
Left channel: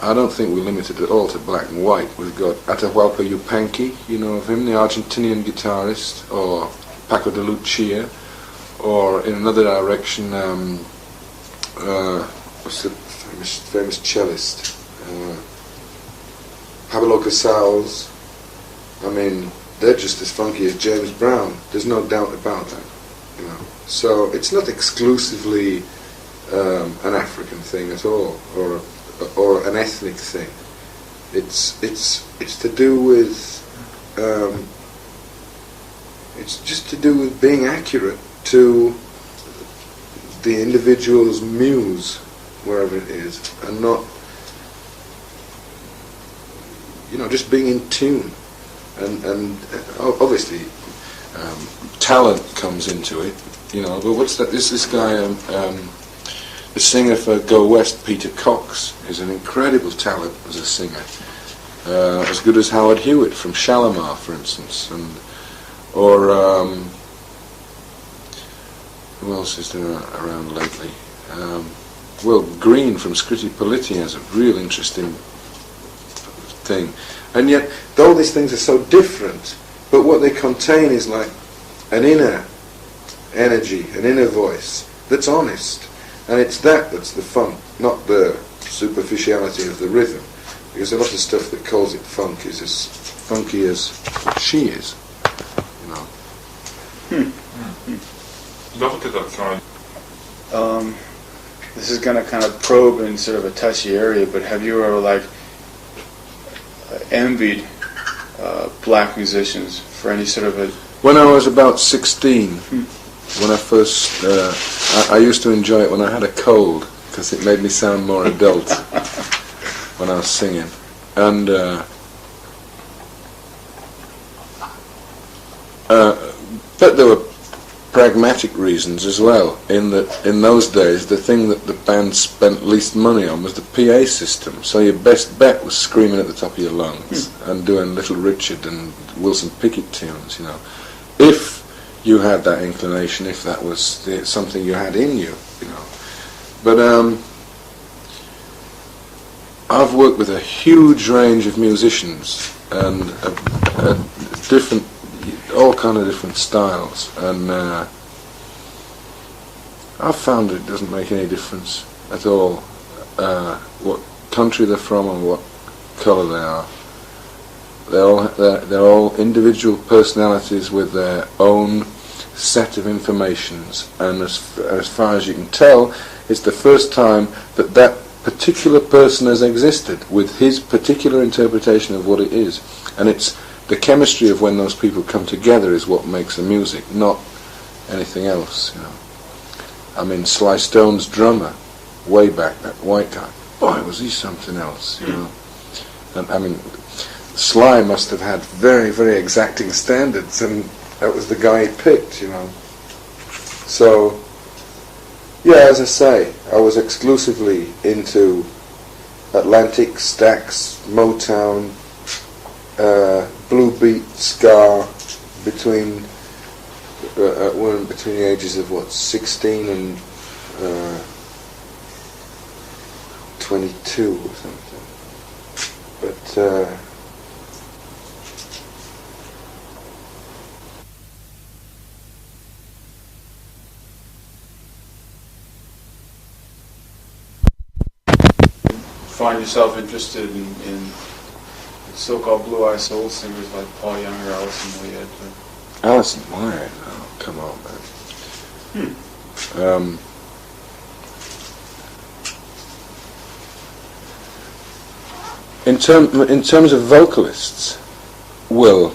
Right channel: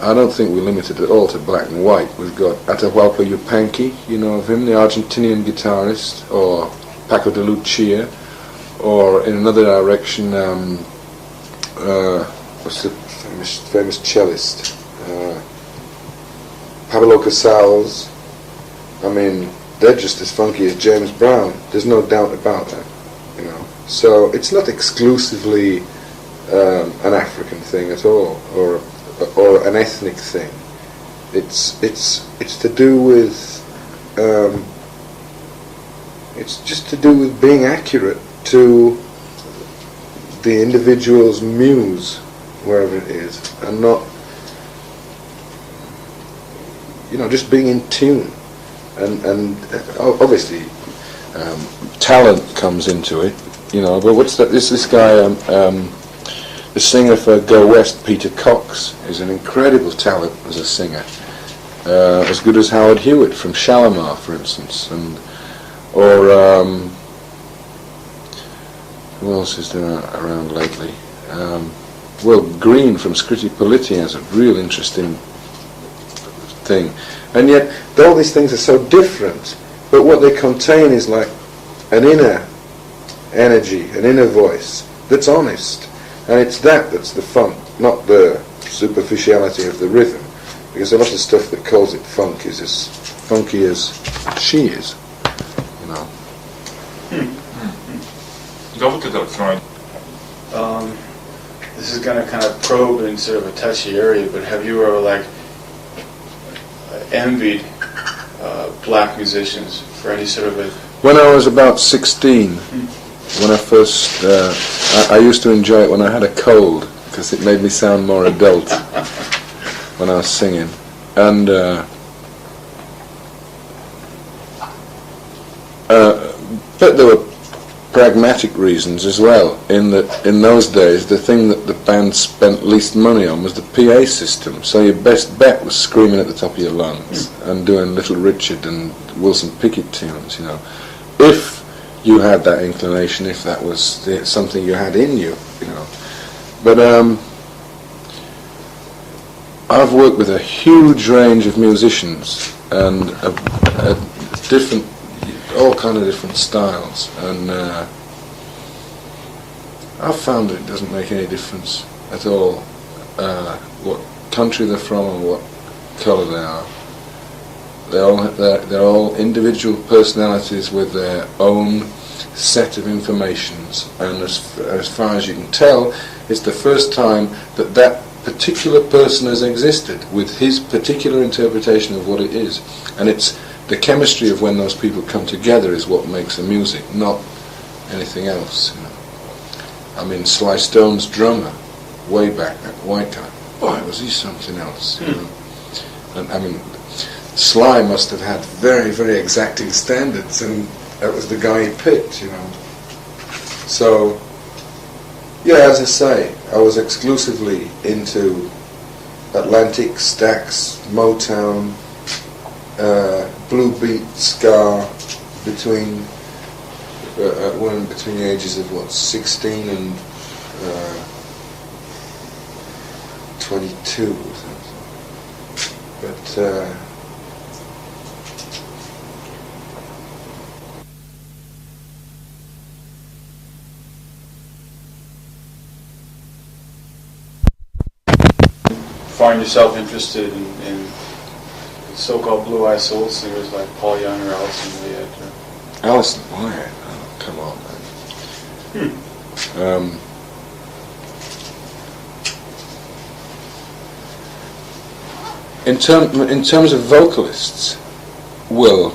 I don't think we're limited at all to black and white. We've got Atahualpa Yupanqui, you know of him, the Argentinian guitarist, or Paco de Lucia, or in another direction, what's the famous cellist? Pablo Casals. I mean, they're just as funky as James Brown. There's no doubt about that, you know. So it's not exclusively an African thing at all, or an ethnic thing. It's to do with it's just to do with being accurate to the individual's muse, wherever it is, and not, you know, just being in tune. And obviously talent comes into it, you know. But what's that? This guy, the singer for Go West, Peter Cox, is an incredible talent as a singer, as good as Howard Hewitt from Shalimar, for instance, or who else is there around lately? Well, Green from Scritti Politti has a real interesting thing. And yet, all these things are so different, but what they contain is like an inner energy, an inner voice that's honest. And it's that's the funk, not the superficiality of the rhythm. Because a lot of stuff that calls it funk is as funky as she is, you know. This is going to kind of probe in sort of a touchy area, but have you ever like envied black musicians for any sort of a... When I was about 16, when I first... I used to enjoy it when I had a cold, because it made me sound more adult when I was singing. And but there were pragmatic reasons as well, in that in those days the thing that the band spent least money on was the PA system, so your best bet was screaming at the top of your lungs and doing Little Richard and Wilson Pickett tunes, you know, if you had that inclination, if that was something you had in you, you know. But I've worked with a huge range of musicians and a different, all kind of different styles, and I've found it doesn't make any difference at all what country they're from and what colour they are. They're all individual personalities with their own set of informations, and as far as you can tell, it's the first time that particular person has existed with his particular interpretation of what it is, and it's the chemistry of when those people come together is what makes the music, not anything else, you know. I mean, Sly Stone's drummer, way back, that white guy, boy, was he something else, you know. And I mean, Sly must have had very, very exacting standards, and that was the guy he picked, you know. So, yeah, as I say, I was exclusively into Atlantic, Stax, Motown, blue beat, ska, between the ages of 16 and 22 or something. But find yourself interested in so-called blue-eyed soul singers like Paul Young or Alison Moyet? Alison Moyet, oh, come on, man. In terms of vocalists, well,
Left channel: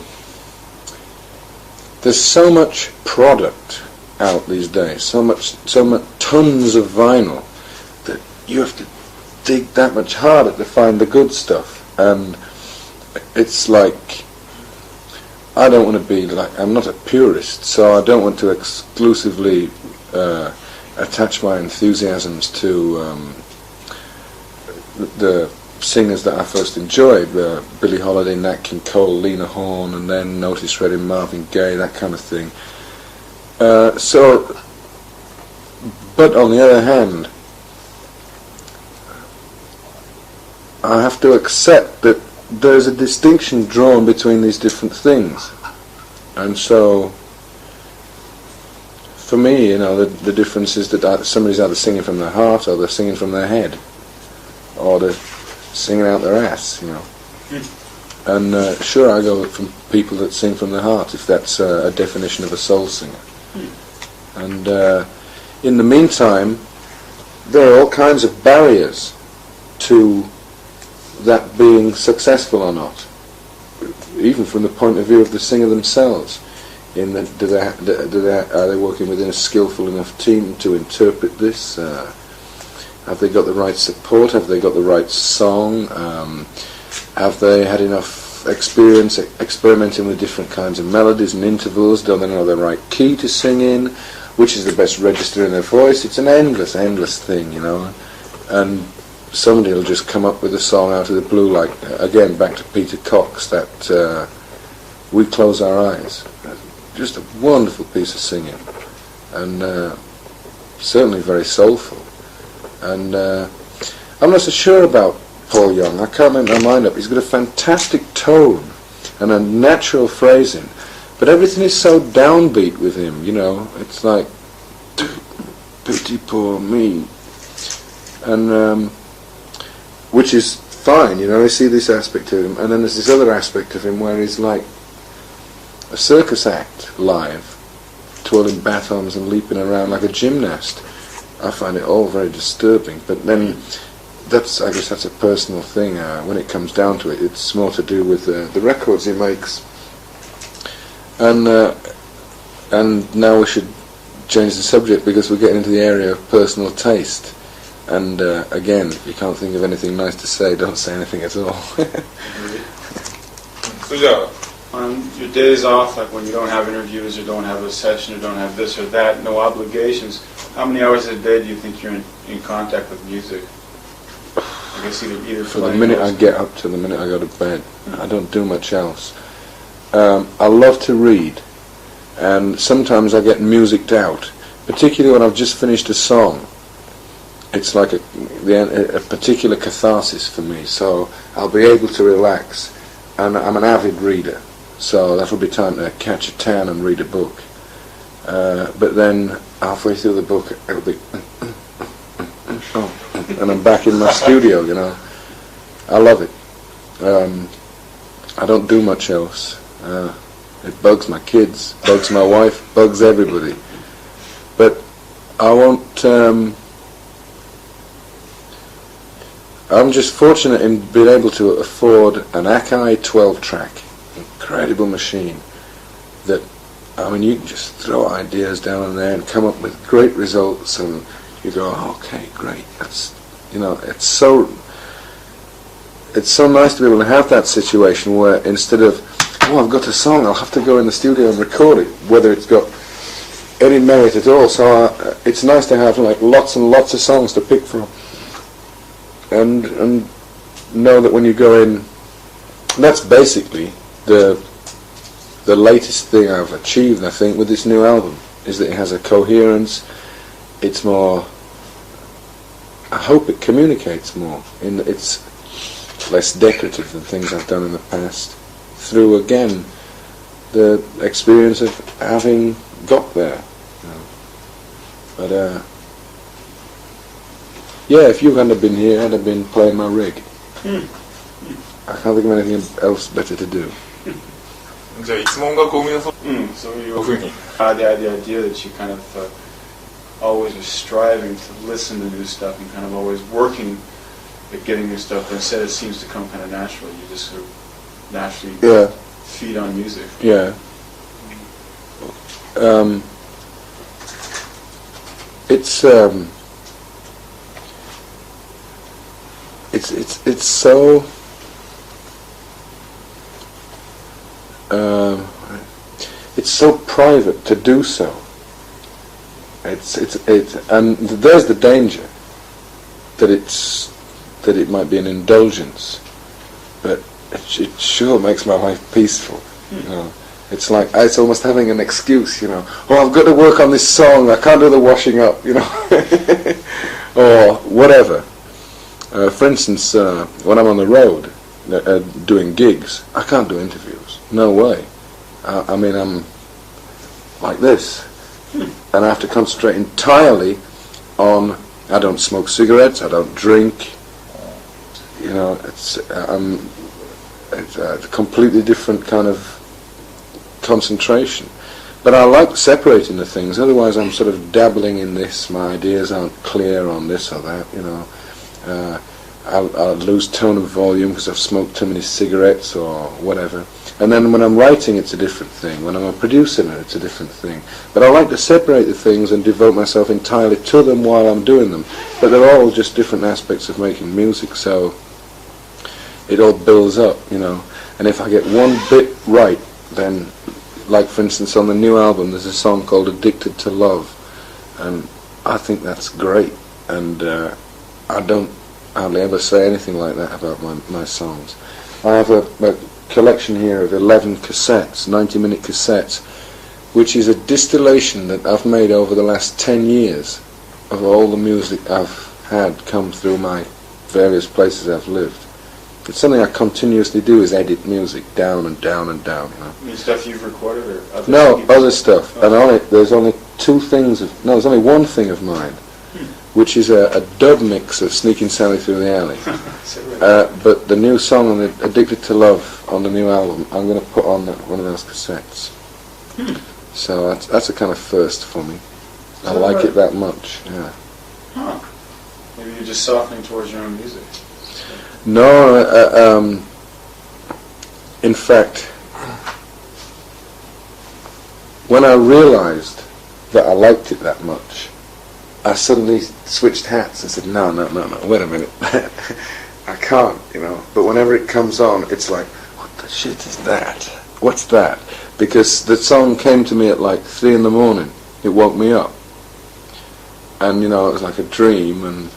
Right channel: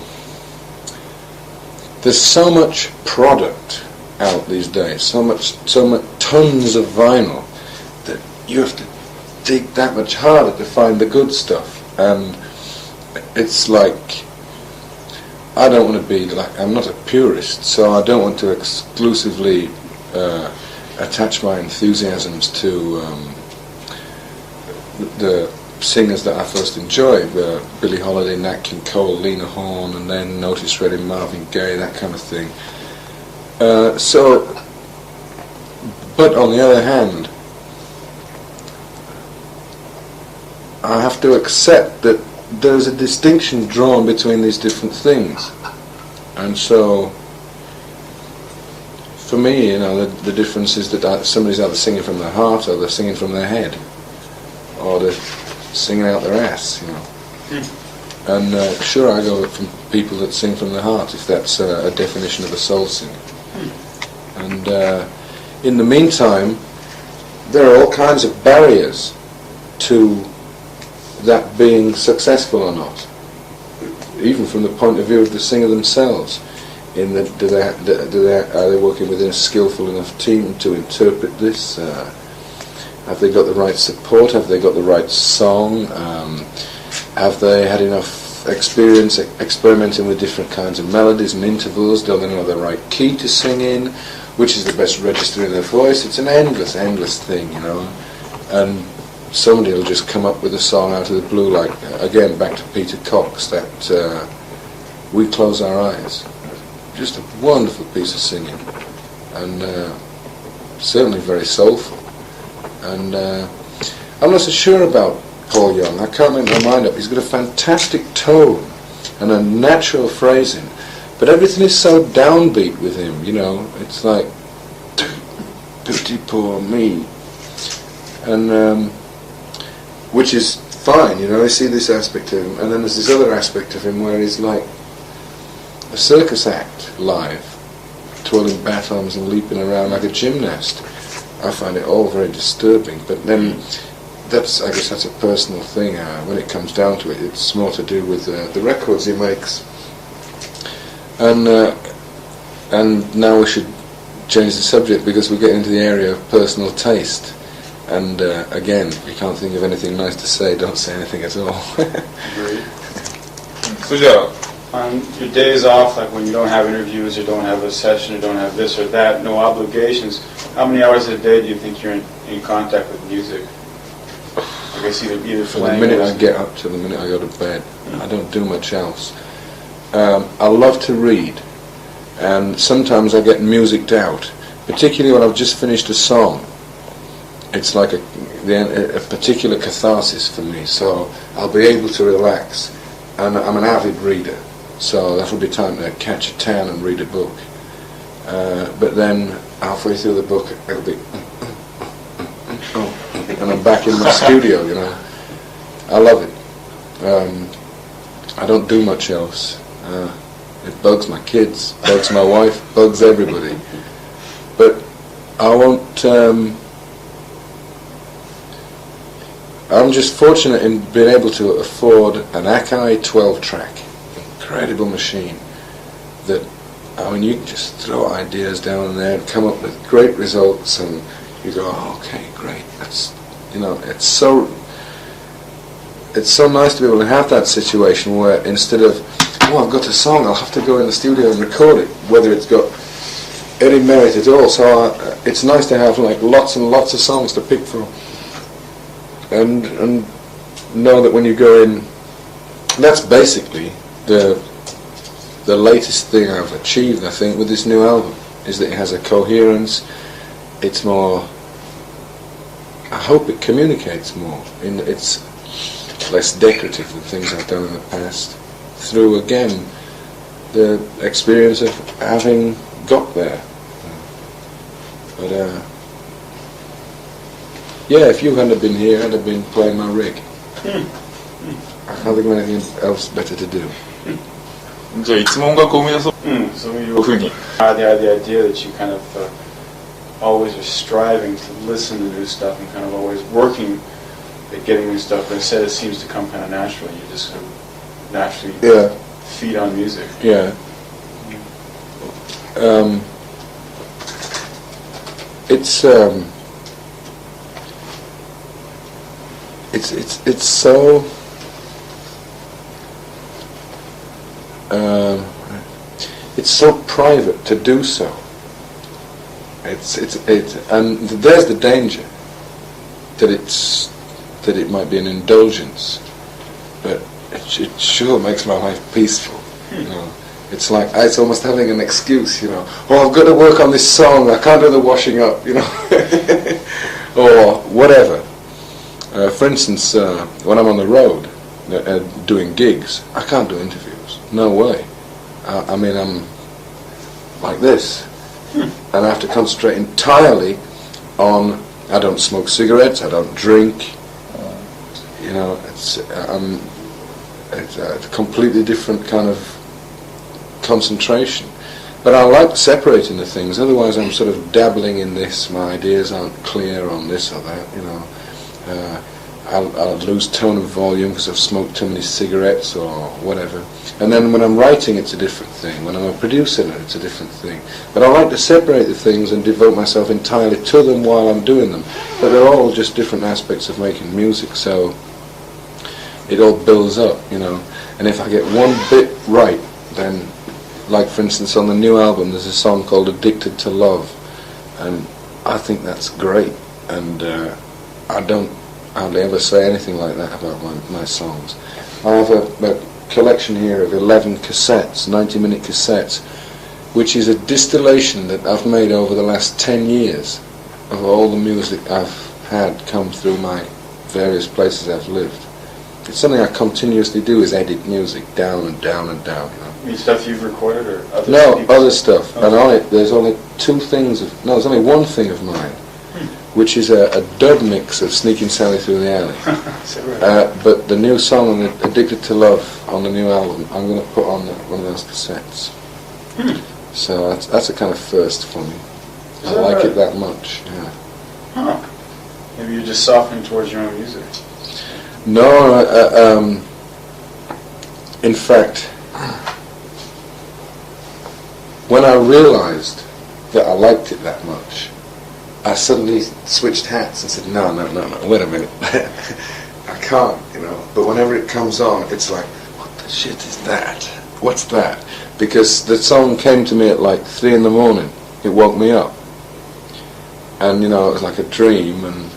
there's so much product out these days, so much tons of vinyl, that you have to dig that much harder to find the good stuff. And it's like, I don't want to be like, I'm not a purist, so I don't want to exclusively attach my enthusiasms to the singers that I first enjoyed, Billie Holiday, Nat King Cole, Lena Horne, and then Otis Redding, Marvin Gaye, that kind of thing. But on the other hand, I have to accept that there's a distinction drawn between these different things, and so for me, you know, the difference is that somebody's either singing from their heart or they're singing from their head, or they're singing out their ass, you know. And sure, I go from people that sing from their heart, if that's a definition of a soul singer. And in the meantime, there are all kinds of barriers to that being successful or not, even from the point of view of the singer themselves. In that, are they working within a skillful enough team to interpret this? Have they got the right support? Have they got the right song? Have they had enough experience experimenting with different kinds of melodies and intervals? Do they know the right key to sing in? Which is the best register in their voice? It's an endless thing, you know. And somebody will just come up with a song out of the blue, like, again, back to Peter Cox, that We Close Our Eyes. Just a wonderful piece of singing, and certainly very soulful. And I'm not so sure about Paul Young. I can't make my mind up. He's got a fantastic tone and a natural phrasing, but everything is so downbeat with him, you know. It's like, pity poor me. And which is fine, you know. I see this aspect of him, and then there's this other aspect of him where he's like a circus act live, twirling batons and leaping around like a gymnast. I find it all very disturbing, but then I guess that's a personal thing. When it comes down to it, it's more to do with the records he makes. And now we should change the subject, because we're getting into the area of personal taste. And again, if you can't think of anything nice to say, don't say anything at all. So, yeah. On your days off, like when you don't have interviews or don't have a session or don't have this or that, no obligations, how many hours a day do you think you're in contact with music? I guess either from the minute I get up to the minute I go to bed. I don't do much else. I love to read, and sometimes I get musicked out, particularly when I've just finished a song. It's like a particular catharsis for me, so I'll be able to relax. And I'm an avid reader, so that'll be time to catch a tan and read a book. But then halfway through the book, it'll be and I'm back in my studio, you know. I love it. I don't do much else. It bugs my kids, bugs my wife, bugs everybody. But I won't. I'm just fortunate in being able to afford an Akai 12-track, incredible machine, that, I mean, you can just throw ideas down in there and come up with great results, and you go, oh, okay, great. That's, you know, it's so nice to be able to have that situation where instead of, oh, I've got a song, I'll have to go in the studio and record it, whether it's got any merit at all. So it's nice to have like lots and lots of songs to pick from. And know that when you go in, that's basically the latest thing I've achieved, I think, with this new album, is that it has a coherence. It's more, I hope it communicates more, in that it's less decorative than things I've done in the past, through, again, the experience of having got there. But yeah, if you hadn't been here, I'd have been playing my rig. I can't think of anything else better to do. じゃあいつも音楽を生み出そう。そういいうふうに。The idea that you kind of always are striving to listen to new stuff and kind of always working at getting new stuff, but instead it seems to come kind of naturally. You just sort of naturally feed on music. Yeah. It's so it's so private to do so. And there's the danger that it might be an indulgence, but it sure makes my life peaceful. You know, it's like it's almost having an excuse. You know, oh, I've got to work on this song. I can't do the washing up. You know, or whatever. For instance, when I'm on the road doing gigs, I can't do interviews. No way. I mean, I'm like this. and I have to concentrate entirely on. I don't smoke cigarettes. I don't drink. You know, it's a completely different kind of concentration. But I like separating the things. Otherwise, I'm sort of dabbling in this. My ideas aren't clear on this or that. You know, I'll lose tone of volume because I've smoked too many cigarettes or whatever. And then when I'm writing, it's a different thing. When I'm a producer, it's a different thing. But I like to separate the things and devote myself entirely to them while I'm doing them. But they're all just different aspects of making music, so it all builds up, you know. And if I get one bit right, then, like for instance on the new album, there's a song called Addicted to Love, and I think that's great. And I don't hardly ever say anything like that about my songs. I have a collection here of 11 cassettes, 90-minute cassettes, which is a distillation that I've made over the last 10 years of all the music I've had come through my various places I've lived. It's something I continuously do, is edit music down and down and down, you know. I mean, stuff you've recorded or other No, people's? other stuff. Okay. And on it there's only there's only one thing of mine, which is a dub mix of Sneaking Sally Through the Alley. But the new song on the Addicted to Love on the new album, I'm going to put on one of those cassettes. So that's a kind of first for me. I like it that much, yeah. Huh. Maybe you're just softening towards your own music. No, in fact, when I realised that I liked it that much, I suddenly switched hats and said, no, wait a minute. I can't, you know. But whenever it comes on, it's like, what the shit is that? What's that? Because the song came to me at like 3 in the morning. It woke me up. And, you know, it was like a dream, and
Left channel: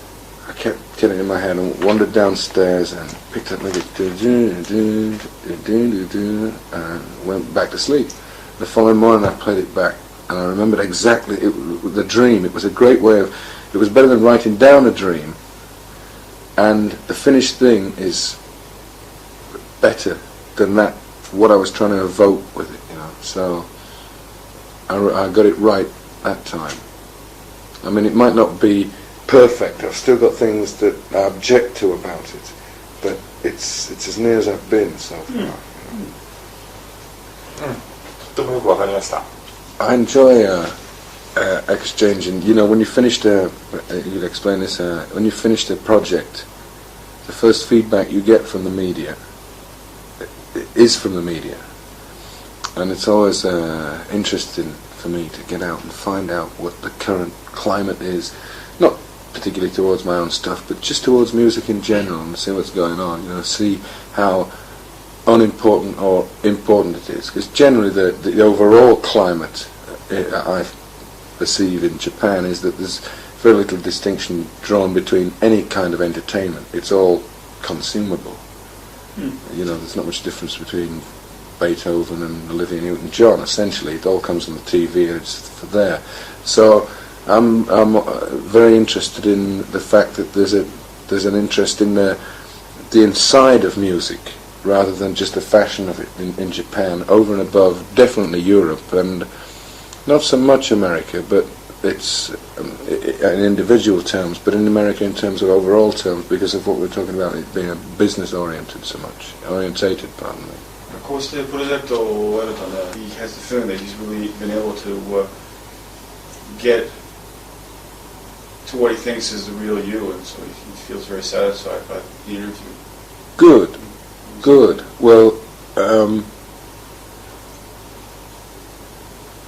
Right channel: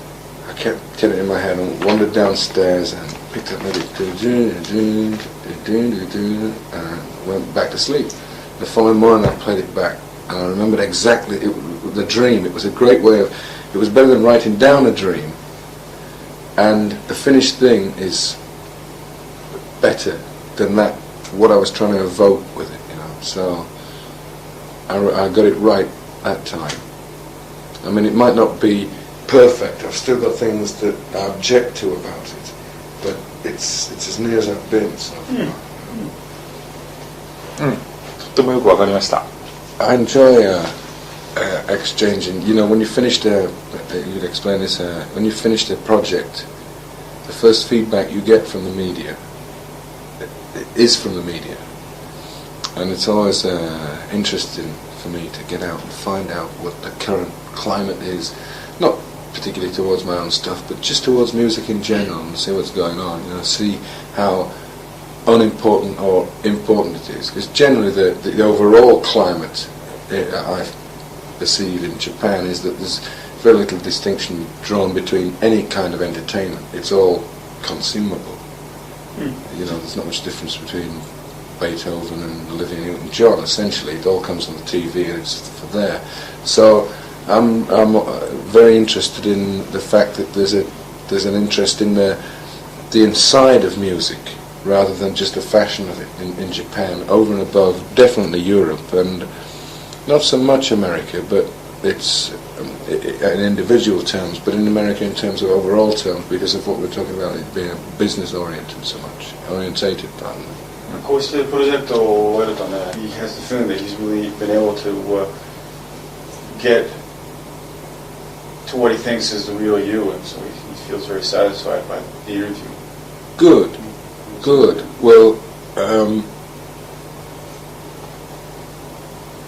I kept getting it in my head and wandered downstairs and picked up maybe and went back to sleep. The following morning I played it back, and I remembered exactly the dream. It was a great way of, it was better than writing down a dream, and the finished thing is better than that, what I was trying to evoke with it, you know. So I got it right that time. I mean, it might not be perfect. I've still got things that I object to about it, but it's as near as I've been so far. とてもよくわかりました。 I enjoy exchanging. You know, when you finished you'd explain this. When you finished a project, the first feedback you get from the media is from the media, and it's always interesting for me to get out and find out what the current climate is, not particularly towards my own stuff, but just towards music in general, and see what's going on. You know, see how unimportant or important it is, because generally the overall climate I perceive in Japan is that there's very little distinction drawn between any kind of entertainment. It's all consumable. You know, there's not much difference between Beethoven and Olivia Newton-John. Essentially, it all comes on the TV and it's for there. So I'm very interested in the fact that there's an interest in the inside of music, rather than just the fashion of it in Japan, over and above definitely Europe, and not so much America, but it's in individual terms, but in America in terms of overall terms, because of what we're talking about, it being a business oriented so much, orientated, pardon me. こうしてプロジェクトを終えるとね、he has the feeling that he's really been able to get to what he thinks is the real you, and so he feels very satisfied by the interview. Good. Well,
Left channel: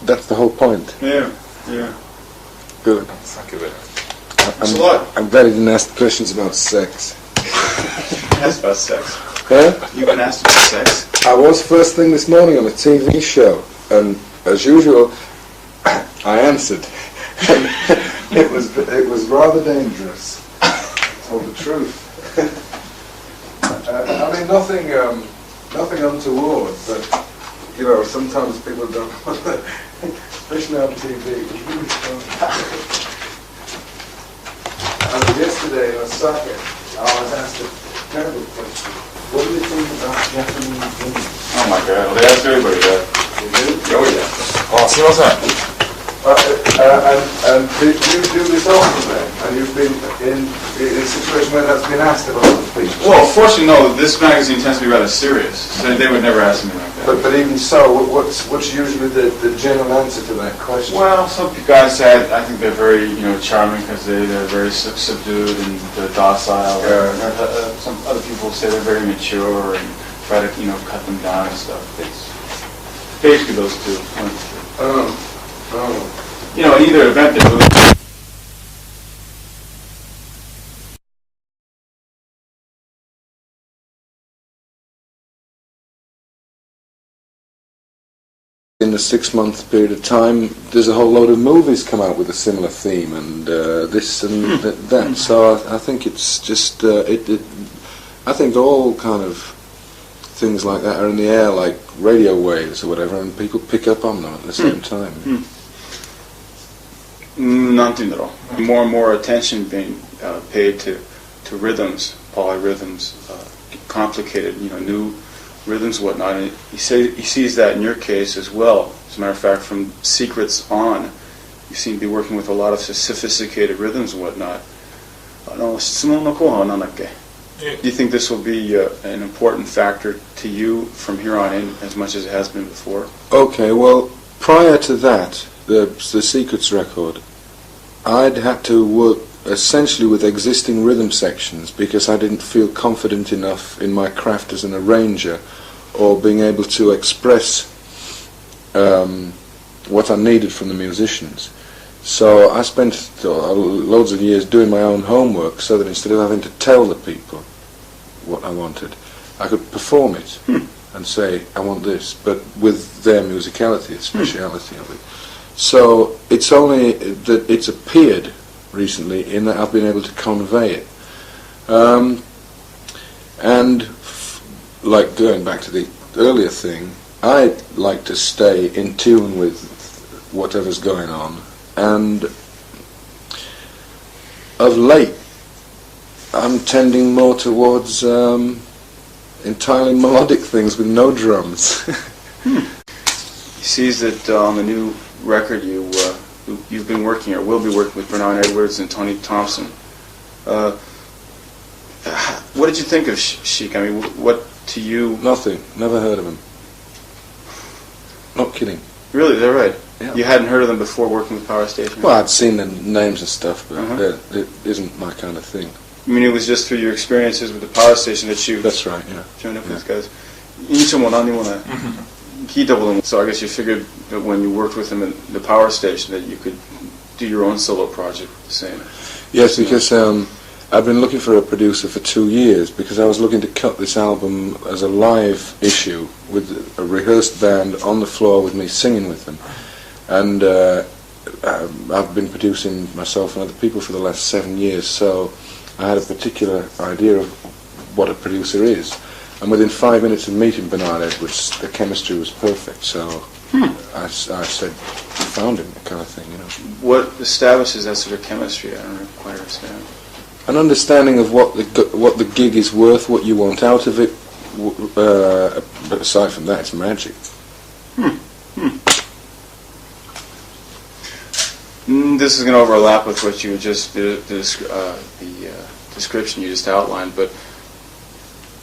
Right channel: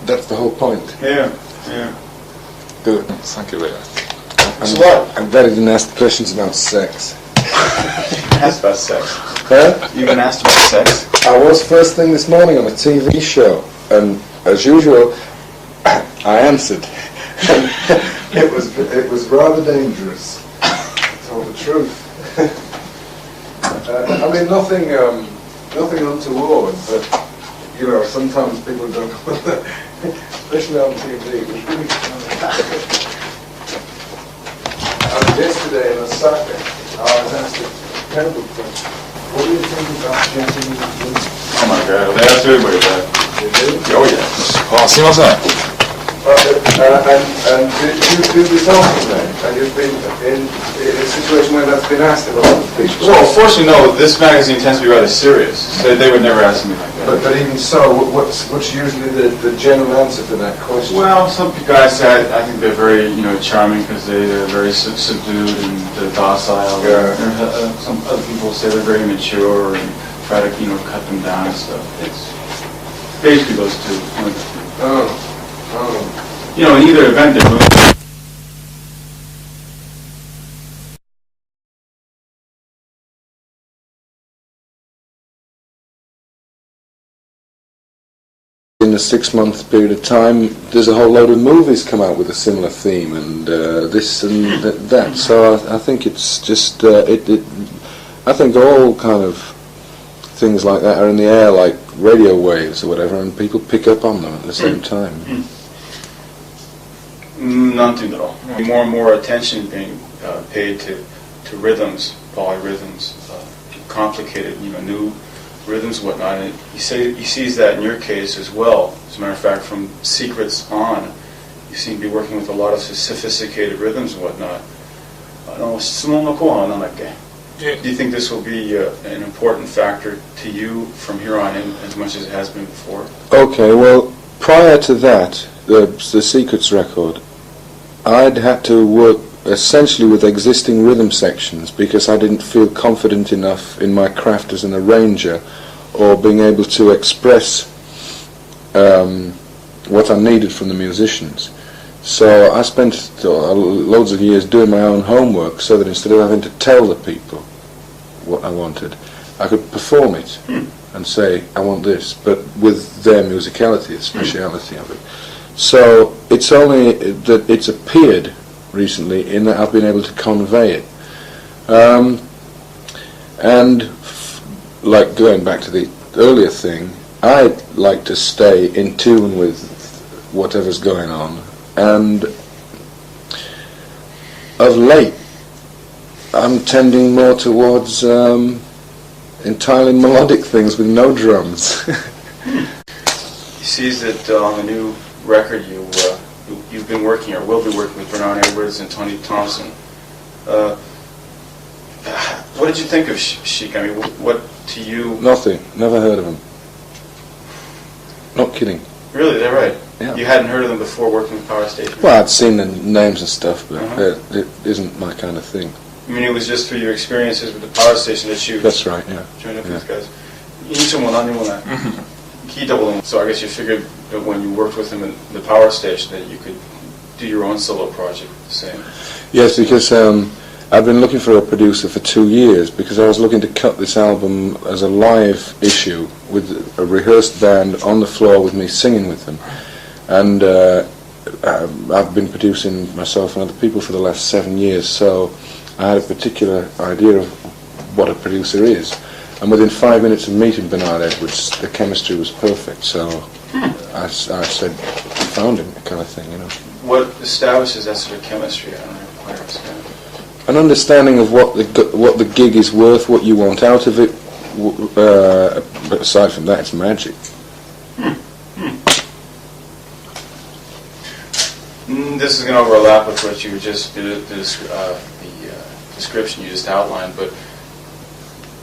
that's the whole point. Yeah. Good. Thank you very much. I'm glad he didn't ask questions about sex. Asked about sex. Huh? You've been asked about sex? I was first thing this morning on a TV show, and as usual, I answered. It was rather dangerous, to tell the truth. I mean, nothing untoward, but you know, sometimes people don't want to, especially on TV. It was really funny. Yesterday in Osaka, I was asked a terrible question. What do you think about Japanese food? Oh my god, they ask everybody that. They do? Oh yeah. あ、すみません。And do this often then? And you've been in a situation where that's been asked of a lot of people? Well, fortunately, no. This magazine tends to be rather serious. They would never ask me like that. But even so, what's usually the general answer to that question? Well, some guys say I think they're very charming because they're very subdued and docile. Yeah. Some other people say they're very mature and try to cut them down and stuff. It's basically those two. Oh. In either event, they're good. In a 6-month period of time, there's a whole load of movies come out with a similar theme, and this and that. So I think it's just I think all kind of things like that are in the air, like radio waves or whatever, and people pick up on them at the same time. Nothing at all. More and more attention being paid to rhythms, polyrhythms, complicated, new rhythms, whatnot. And he sees that in your case as well. As a matter of fact, from Secrets on, you seem to be working with a lot of sophisticated rhythms and whatnot. Do you think this will be an important factor to you from here on in, as much as it has been before? Okay, well, prior to that, the Secrets record, I'd had to work essentially with existing rhythm sections because I didn't feel confident enough in my craft as an arranger or being able to express what I needed from the musicians. So I spent loads of years doing my own homework so that instead of having to tell the people what I wanted, I could perform it and say, I want this, but with their musicality, the speciality of it. So it's only that it's appeared recently in that I've been able to convey it. And like going back to the earlier thing, I like to stay in tune with whatever's going on, and of late I'm tending more towards entirely melodic things with no drums. He sees that on the new record you've been working or will be working with Bernard Edwards and Tony Thompson. What did you think of Chic? I mean, what to you? Nothing. Never heard of him. Not kidding. Really? Is that right? Yeah. You hadn't heard of them before working with Power Station? Well, I'd seen the names and stuff, but it isn't my kind of thing. I mean, it was just through your experiences with the Power Station that you... That's right, yeah. Joined up with these guys. Key doubling. So I guess you figured that when you worked with him at the Power Station that you could do your own solo project the same. Yes, because I've been looking for a producer for 2 years because I was looking to cut this album as a live issue with a rehearsed band on the floor with me singing with them. And I've been producing myself and other people for the last 7 years, so I had a particular idea of what a producer is. And within 5 minutes of meeting Bernard Edwards, the chemistry was perfect, so I said, found him, kind of thing, What establishes that sort of chemistry? I don't know quite understand. An understanding of what the gig is worth, what you want out of it, but aside from that, it's magic. This is going to overlap with what you just did, the description you just outlined, but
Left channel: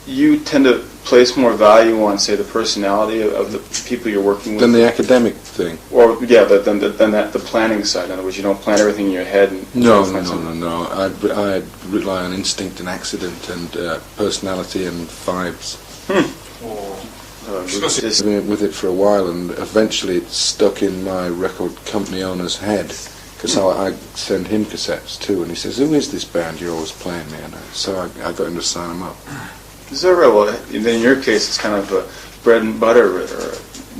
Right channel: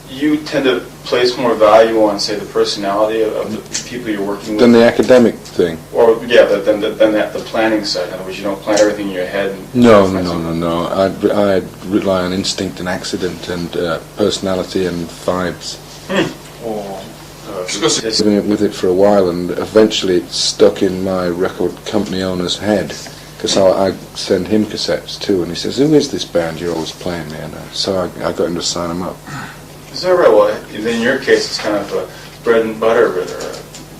you tend to place more value on, say, the personality of the people you're working with? Than the academic thing? Or, yeah, than the planning side. In other words, you don't plan everything in your head? And No. I'd rely on instinct and accident and personality and vibes. I've been with it for a while, and eventually it stuck in my record company owner's head, because I send him cassettes too, and he says, "Who is this band you're always playing me?" And so I got him to sign them up. Is that right? Well, in your case, it's kind of a bread and butter or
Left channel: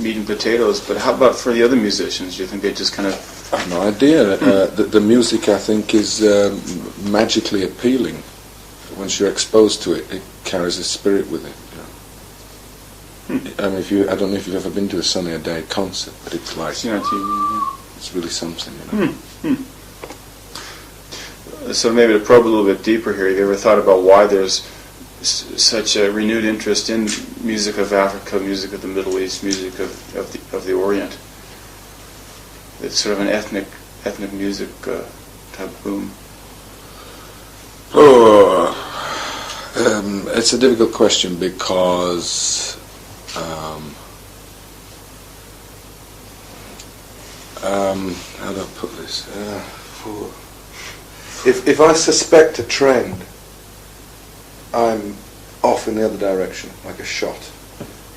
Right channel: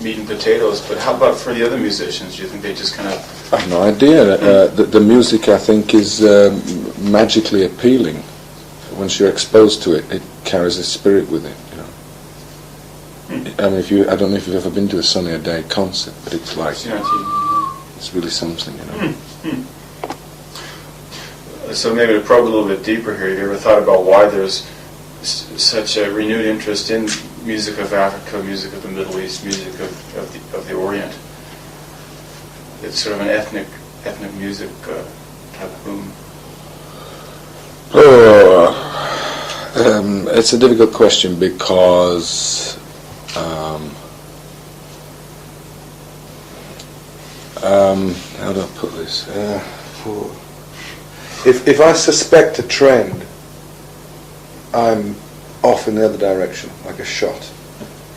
meat and potatoes, but how about for the other musicians? Do you think they just kind of... I have no idea. The music, I think, is magically appealing. Once you're exposed to it, it carries a spirit with it. I mean, I don't know if you've ever been to a Sunny A Day concert, but it's like, it's really something, So maybe to probe a little bit deeper here, have you ever thought about why there's such a renewed interest in music of Africa, music of the Middle East, music of the Orient? it's sort of an ethnic music type of boom? It's a difficult question because how do I put this? If I suspect a trend, I'm off in the other direction, like a shot.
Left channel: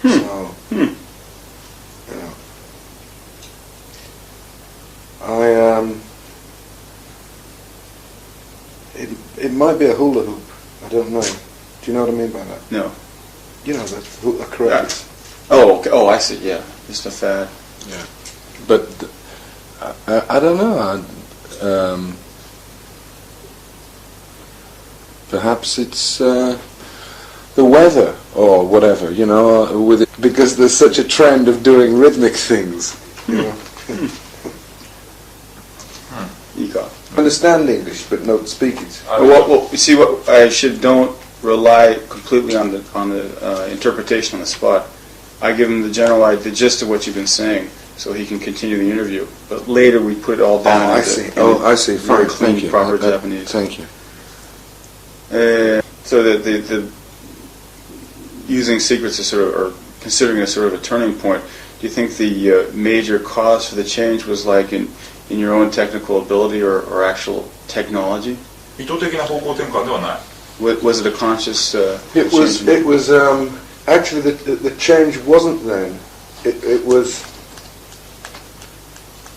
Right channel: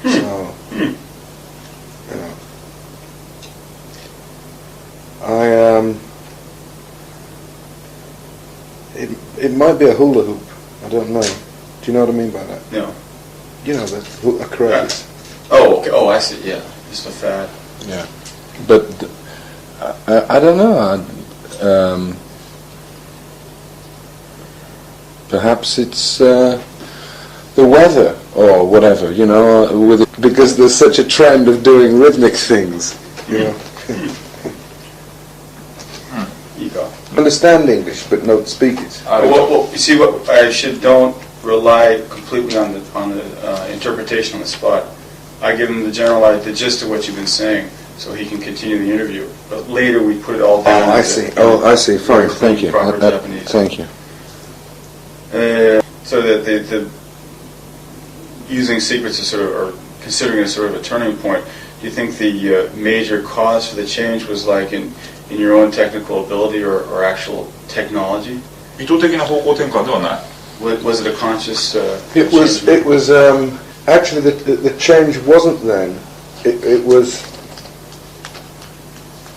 So, you know, it might be a hula hoop. I don't know. Do you know what I mean by that? No. You know, a craze. Oh, okay. Oh, I see. Yeah, just a fad. Yeah, but I don't know. Perhaps it's the weather or whatever, you know, with it, because there's such a trend of doing rhythmic things, you know. Understand English, but don't speak it. Well, you see, what I don't rely completely on the interpretation on the spot. I give him the gist of what you've been saying, so he can continue the interview. But later we put it all down. Oh, I see. I see. Fine. Thank you. Thank you. So that the using secrets is sort of, or considering it sort of a turning point. Do you think the major cause for the change was like in your own technical ability or actual technology? 意図的な方向転換ではない。Was it a conscious? It was actually the change wasn't then. It was.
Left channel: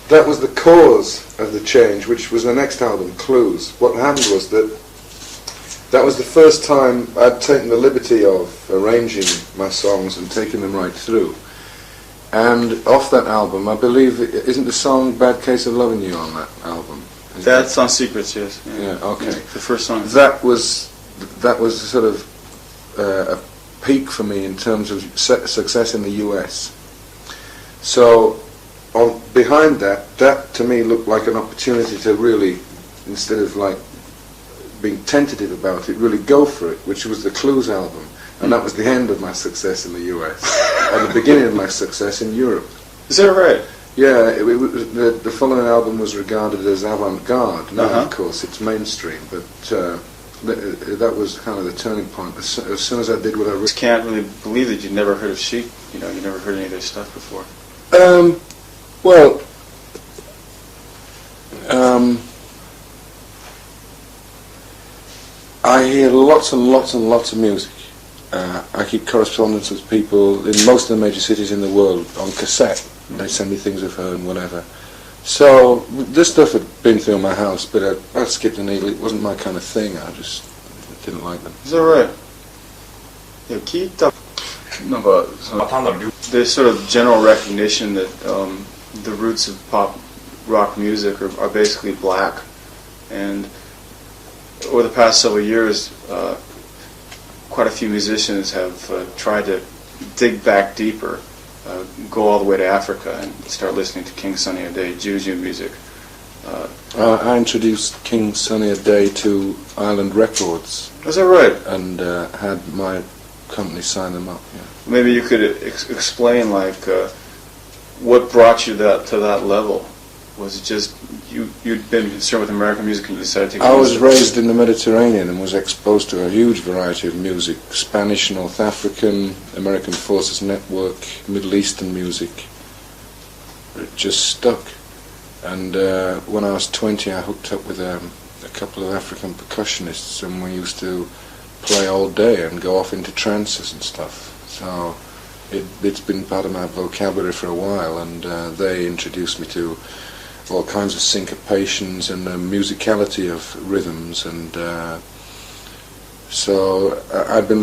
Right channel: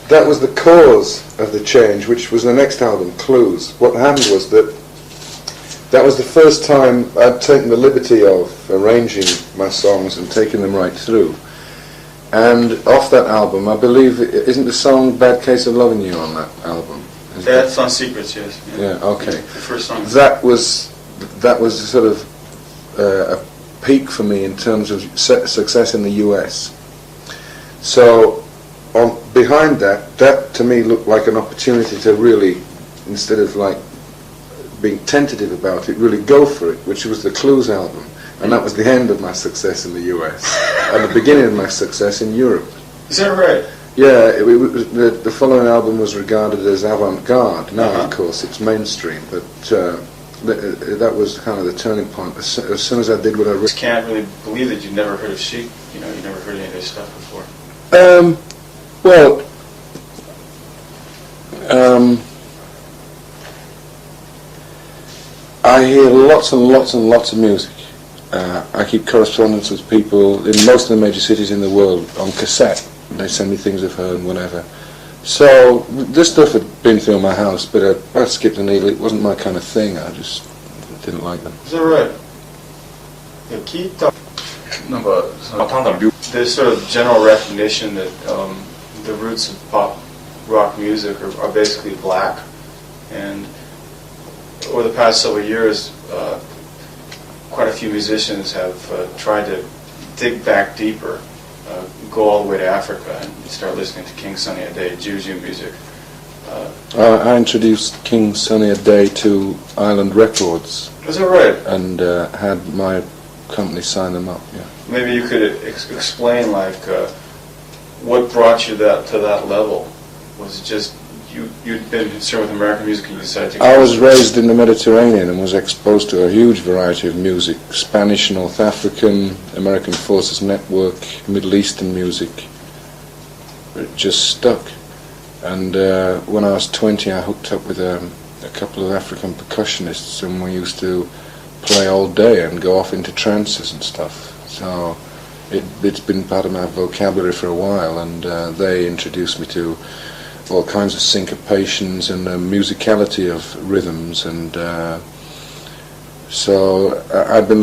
That was the cause of the change, which was the next album, Clues. What happened was that was the first time I'd taken the liberty of arranging my songs and taking them right through. And off that album, I believe, isn't the song Bad Case of Loving You on that album? That's on Secrets, yes. Yeah, okay. The first song. That was sort of a peak for me in terms of success in the US. So behind that to me looked like an opportunity to really, instead of like being tentative about it, really go for it, which was the Clues album. And that was the end of my success in the US and the beginning of my success in Europe. Is that right? Yeah, the following album was regarded as avant-garde. Now, of course, it's mainstream, but that was kind of the turning point. As soon as I did what I I can't really believe that you've never heard of Chic. You know, you've never heard any of their stuff before. Well, I hear lots and lots and lots of music. I keep correspondence with people in most of the major cities in the world on cassette. They send me things of her and whatever. So this stuff had been through my house, but I skipped a needle. It wasn't my kind of thing. I just didn't like them. Is that right? There's sort of general recognition that the roots of pop rock music are basically black, and over the past several years, quite a few musicians have tried to dig back deeper, go all the way to Africa and start listening to King Sunny Ade, Juju music. I introduced King Sunny Ade to Island Records. Is that right? And had my company sign them up. Yeah. Maybe you could explain like what brought you to that level. Was it just you'd been concerned with American music and you decided to... I was raised in the Mediterranean and was exposed to a huge variety of music. Spanish, North African, American Forces Network, Middle Eastern music. It just stuck. And when I was 20 I hooked up with a couple of African percussionists and we used to play all day and go off into trances and stuff. So it's been part of my vocabulary for a while, and they introduced me to all kinds of syncopations and the musicality of rhythms, and so I've been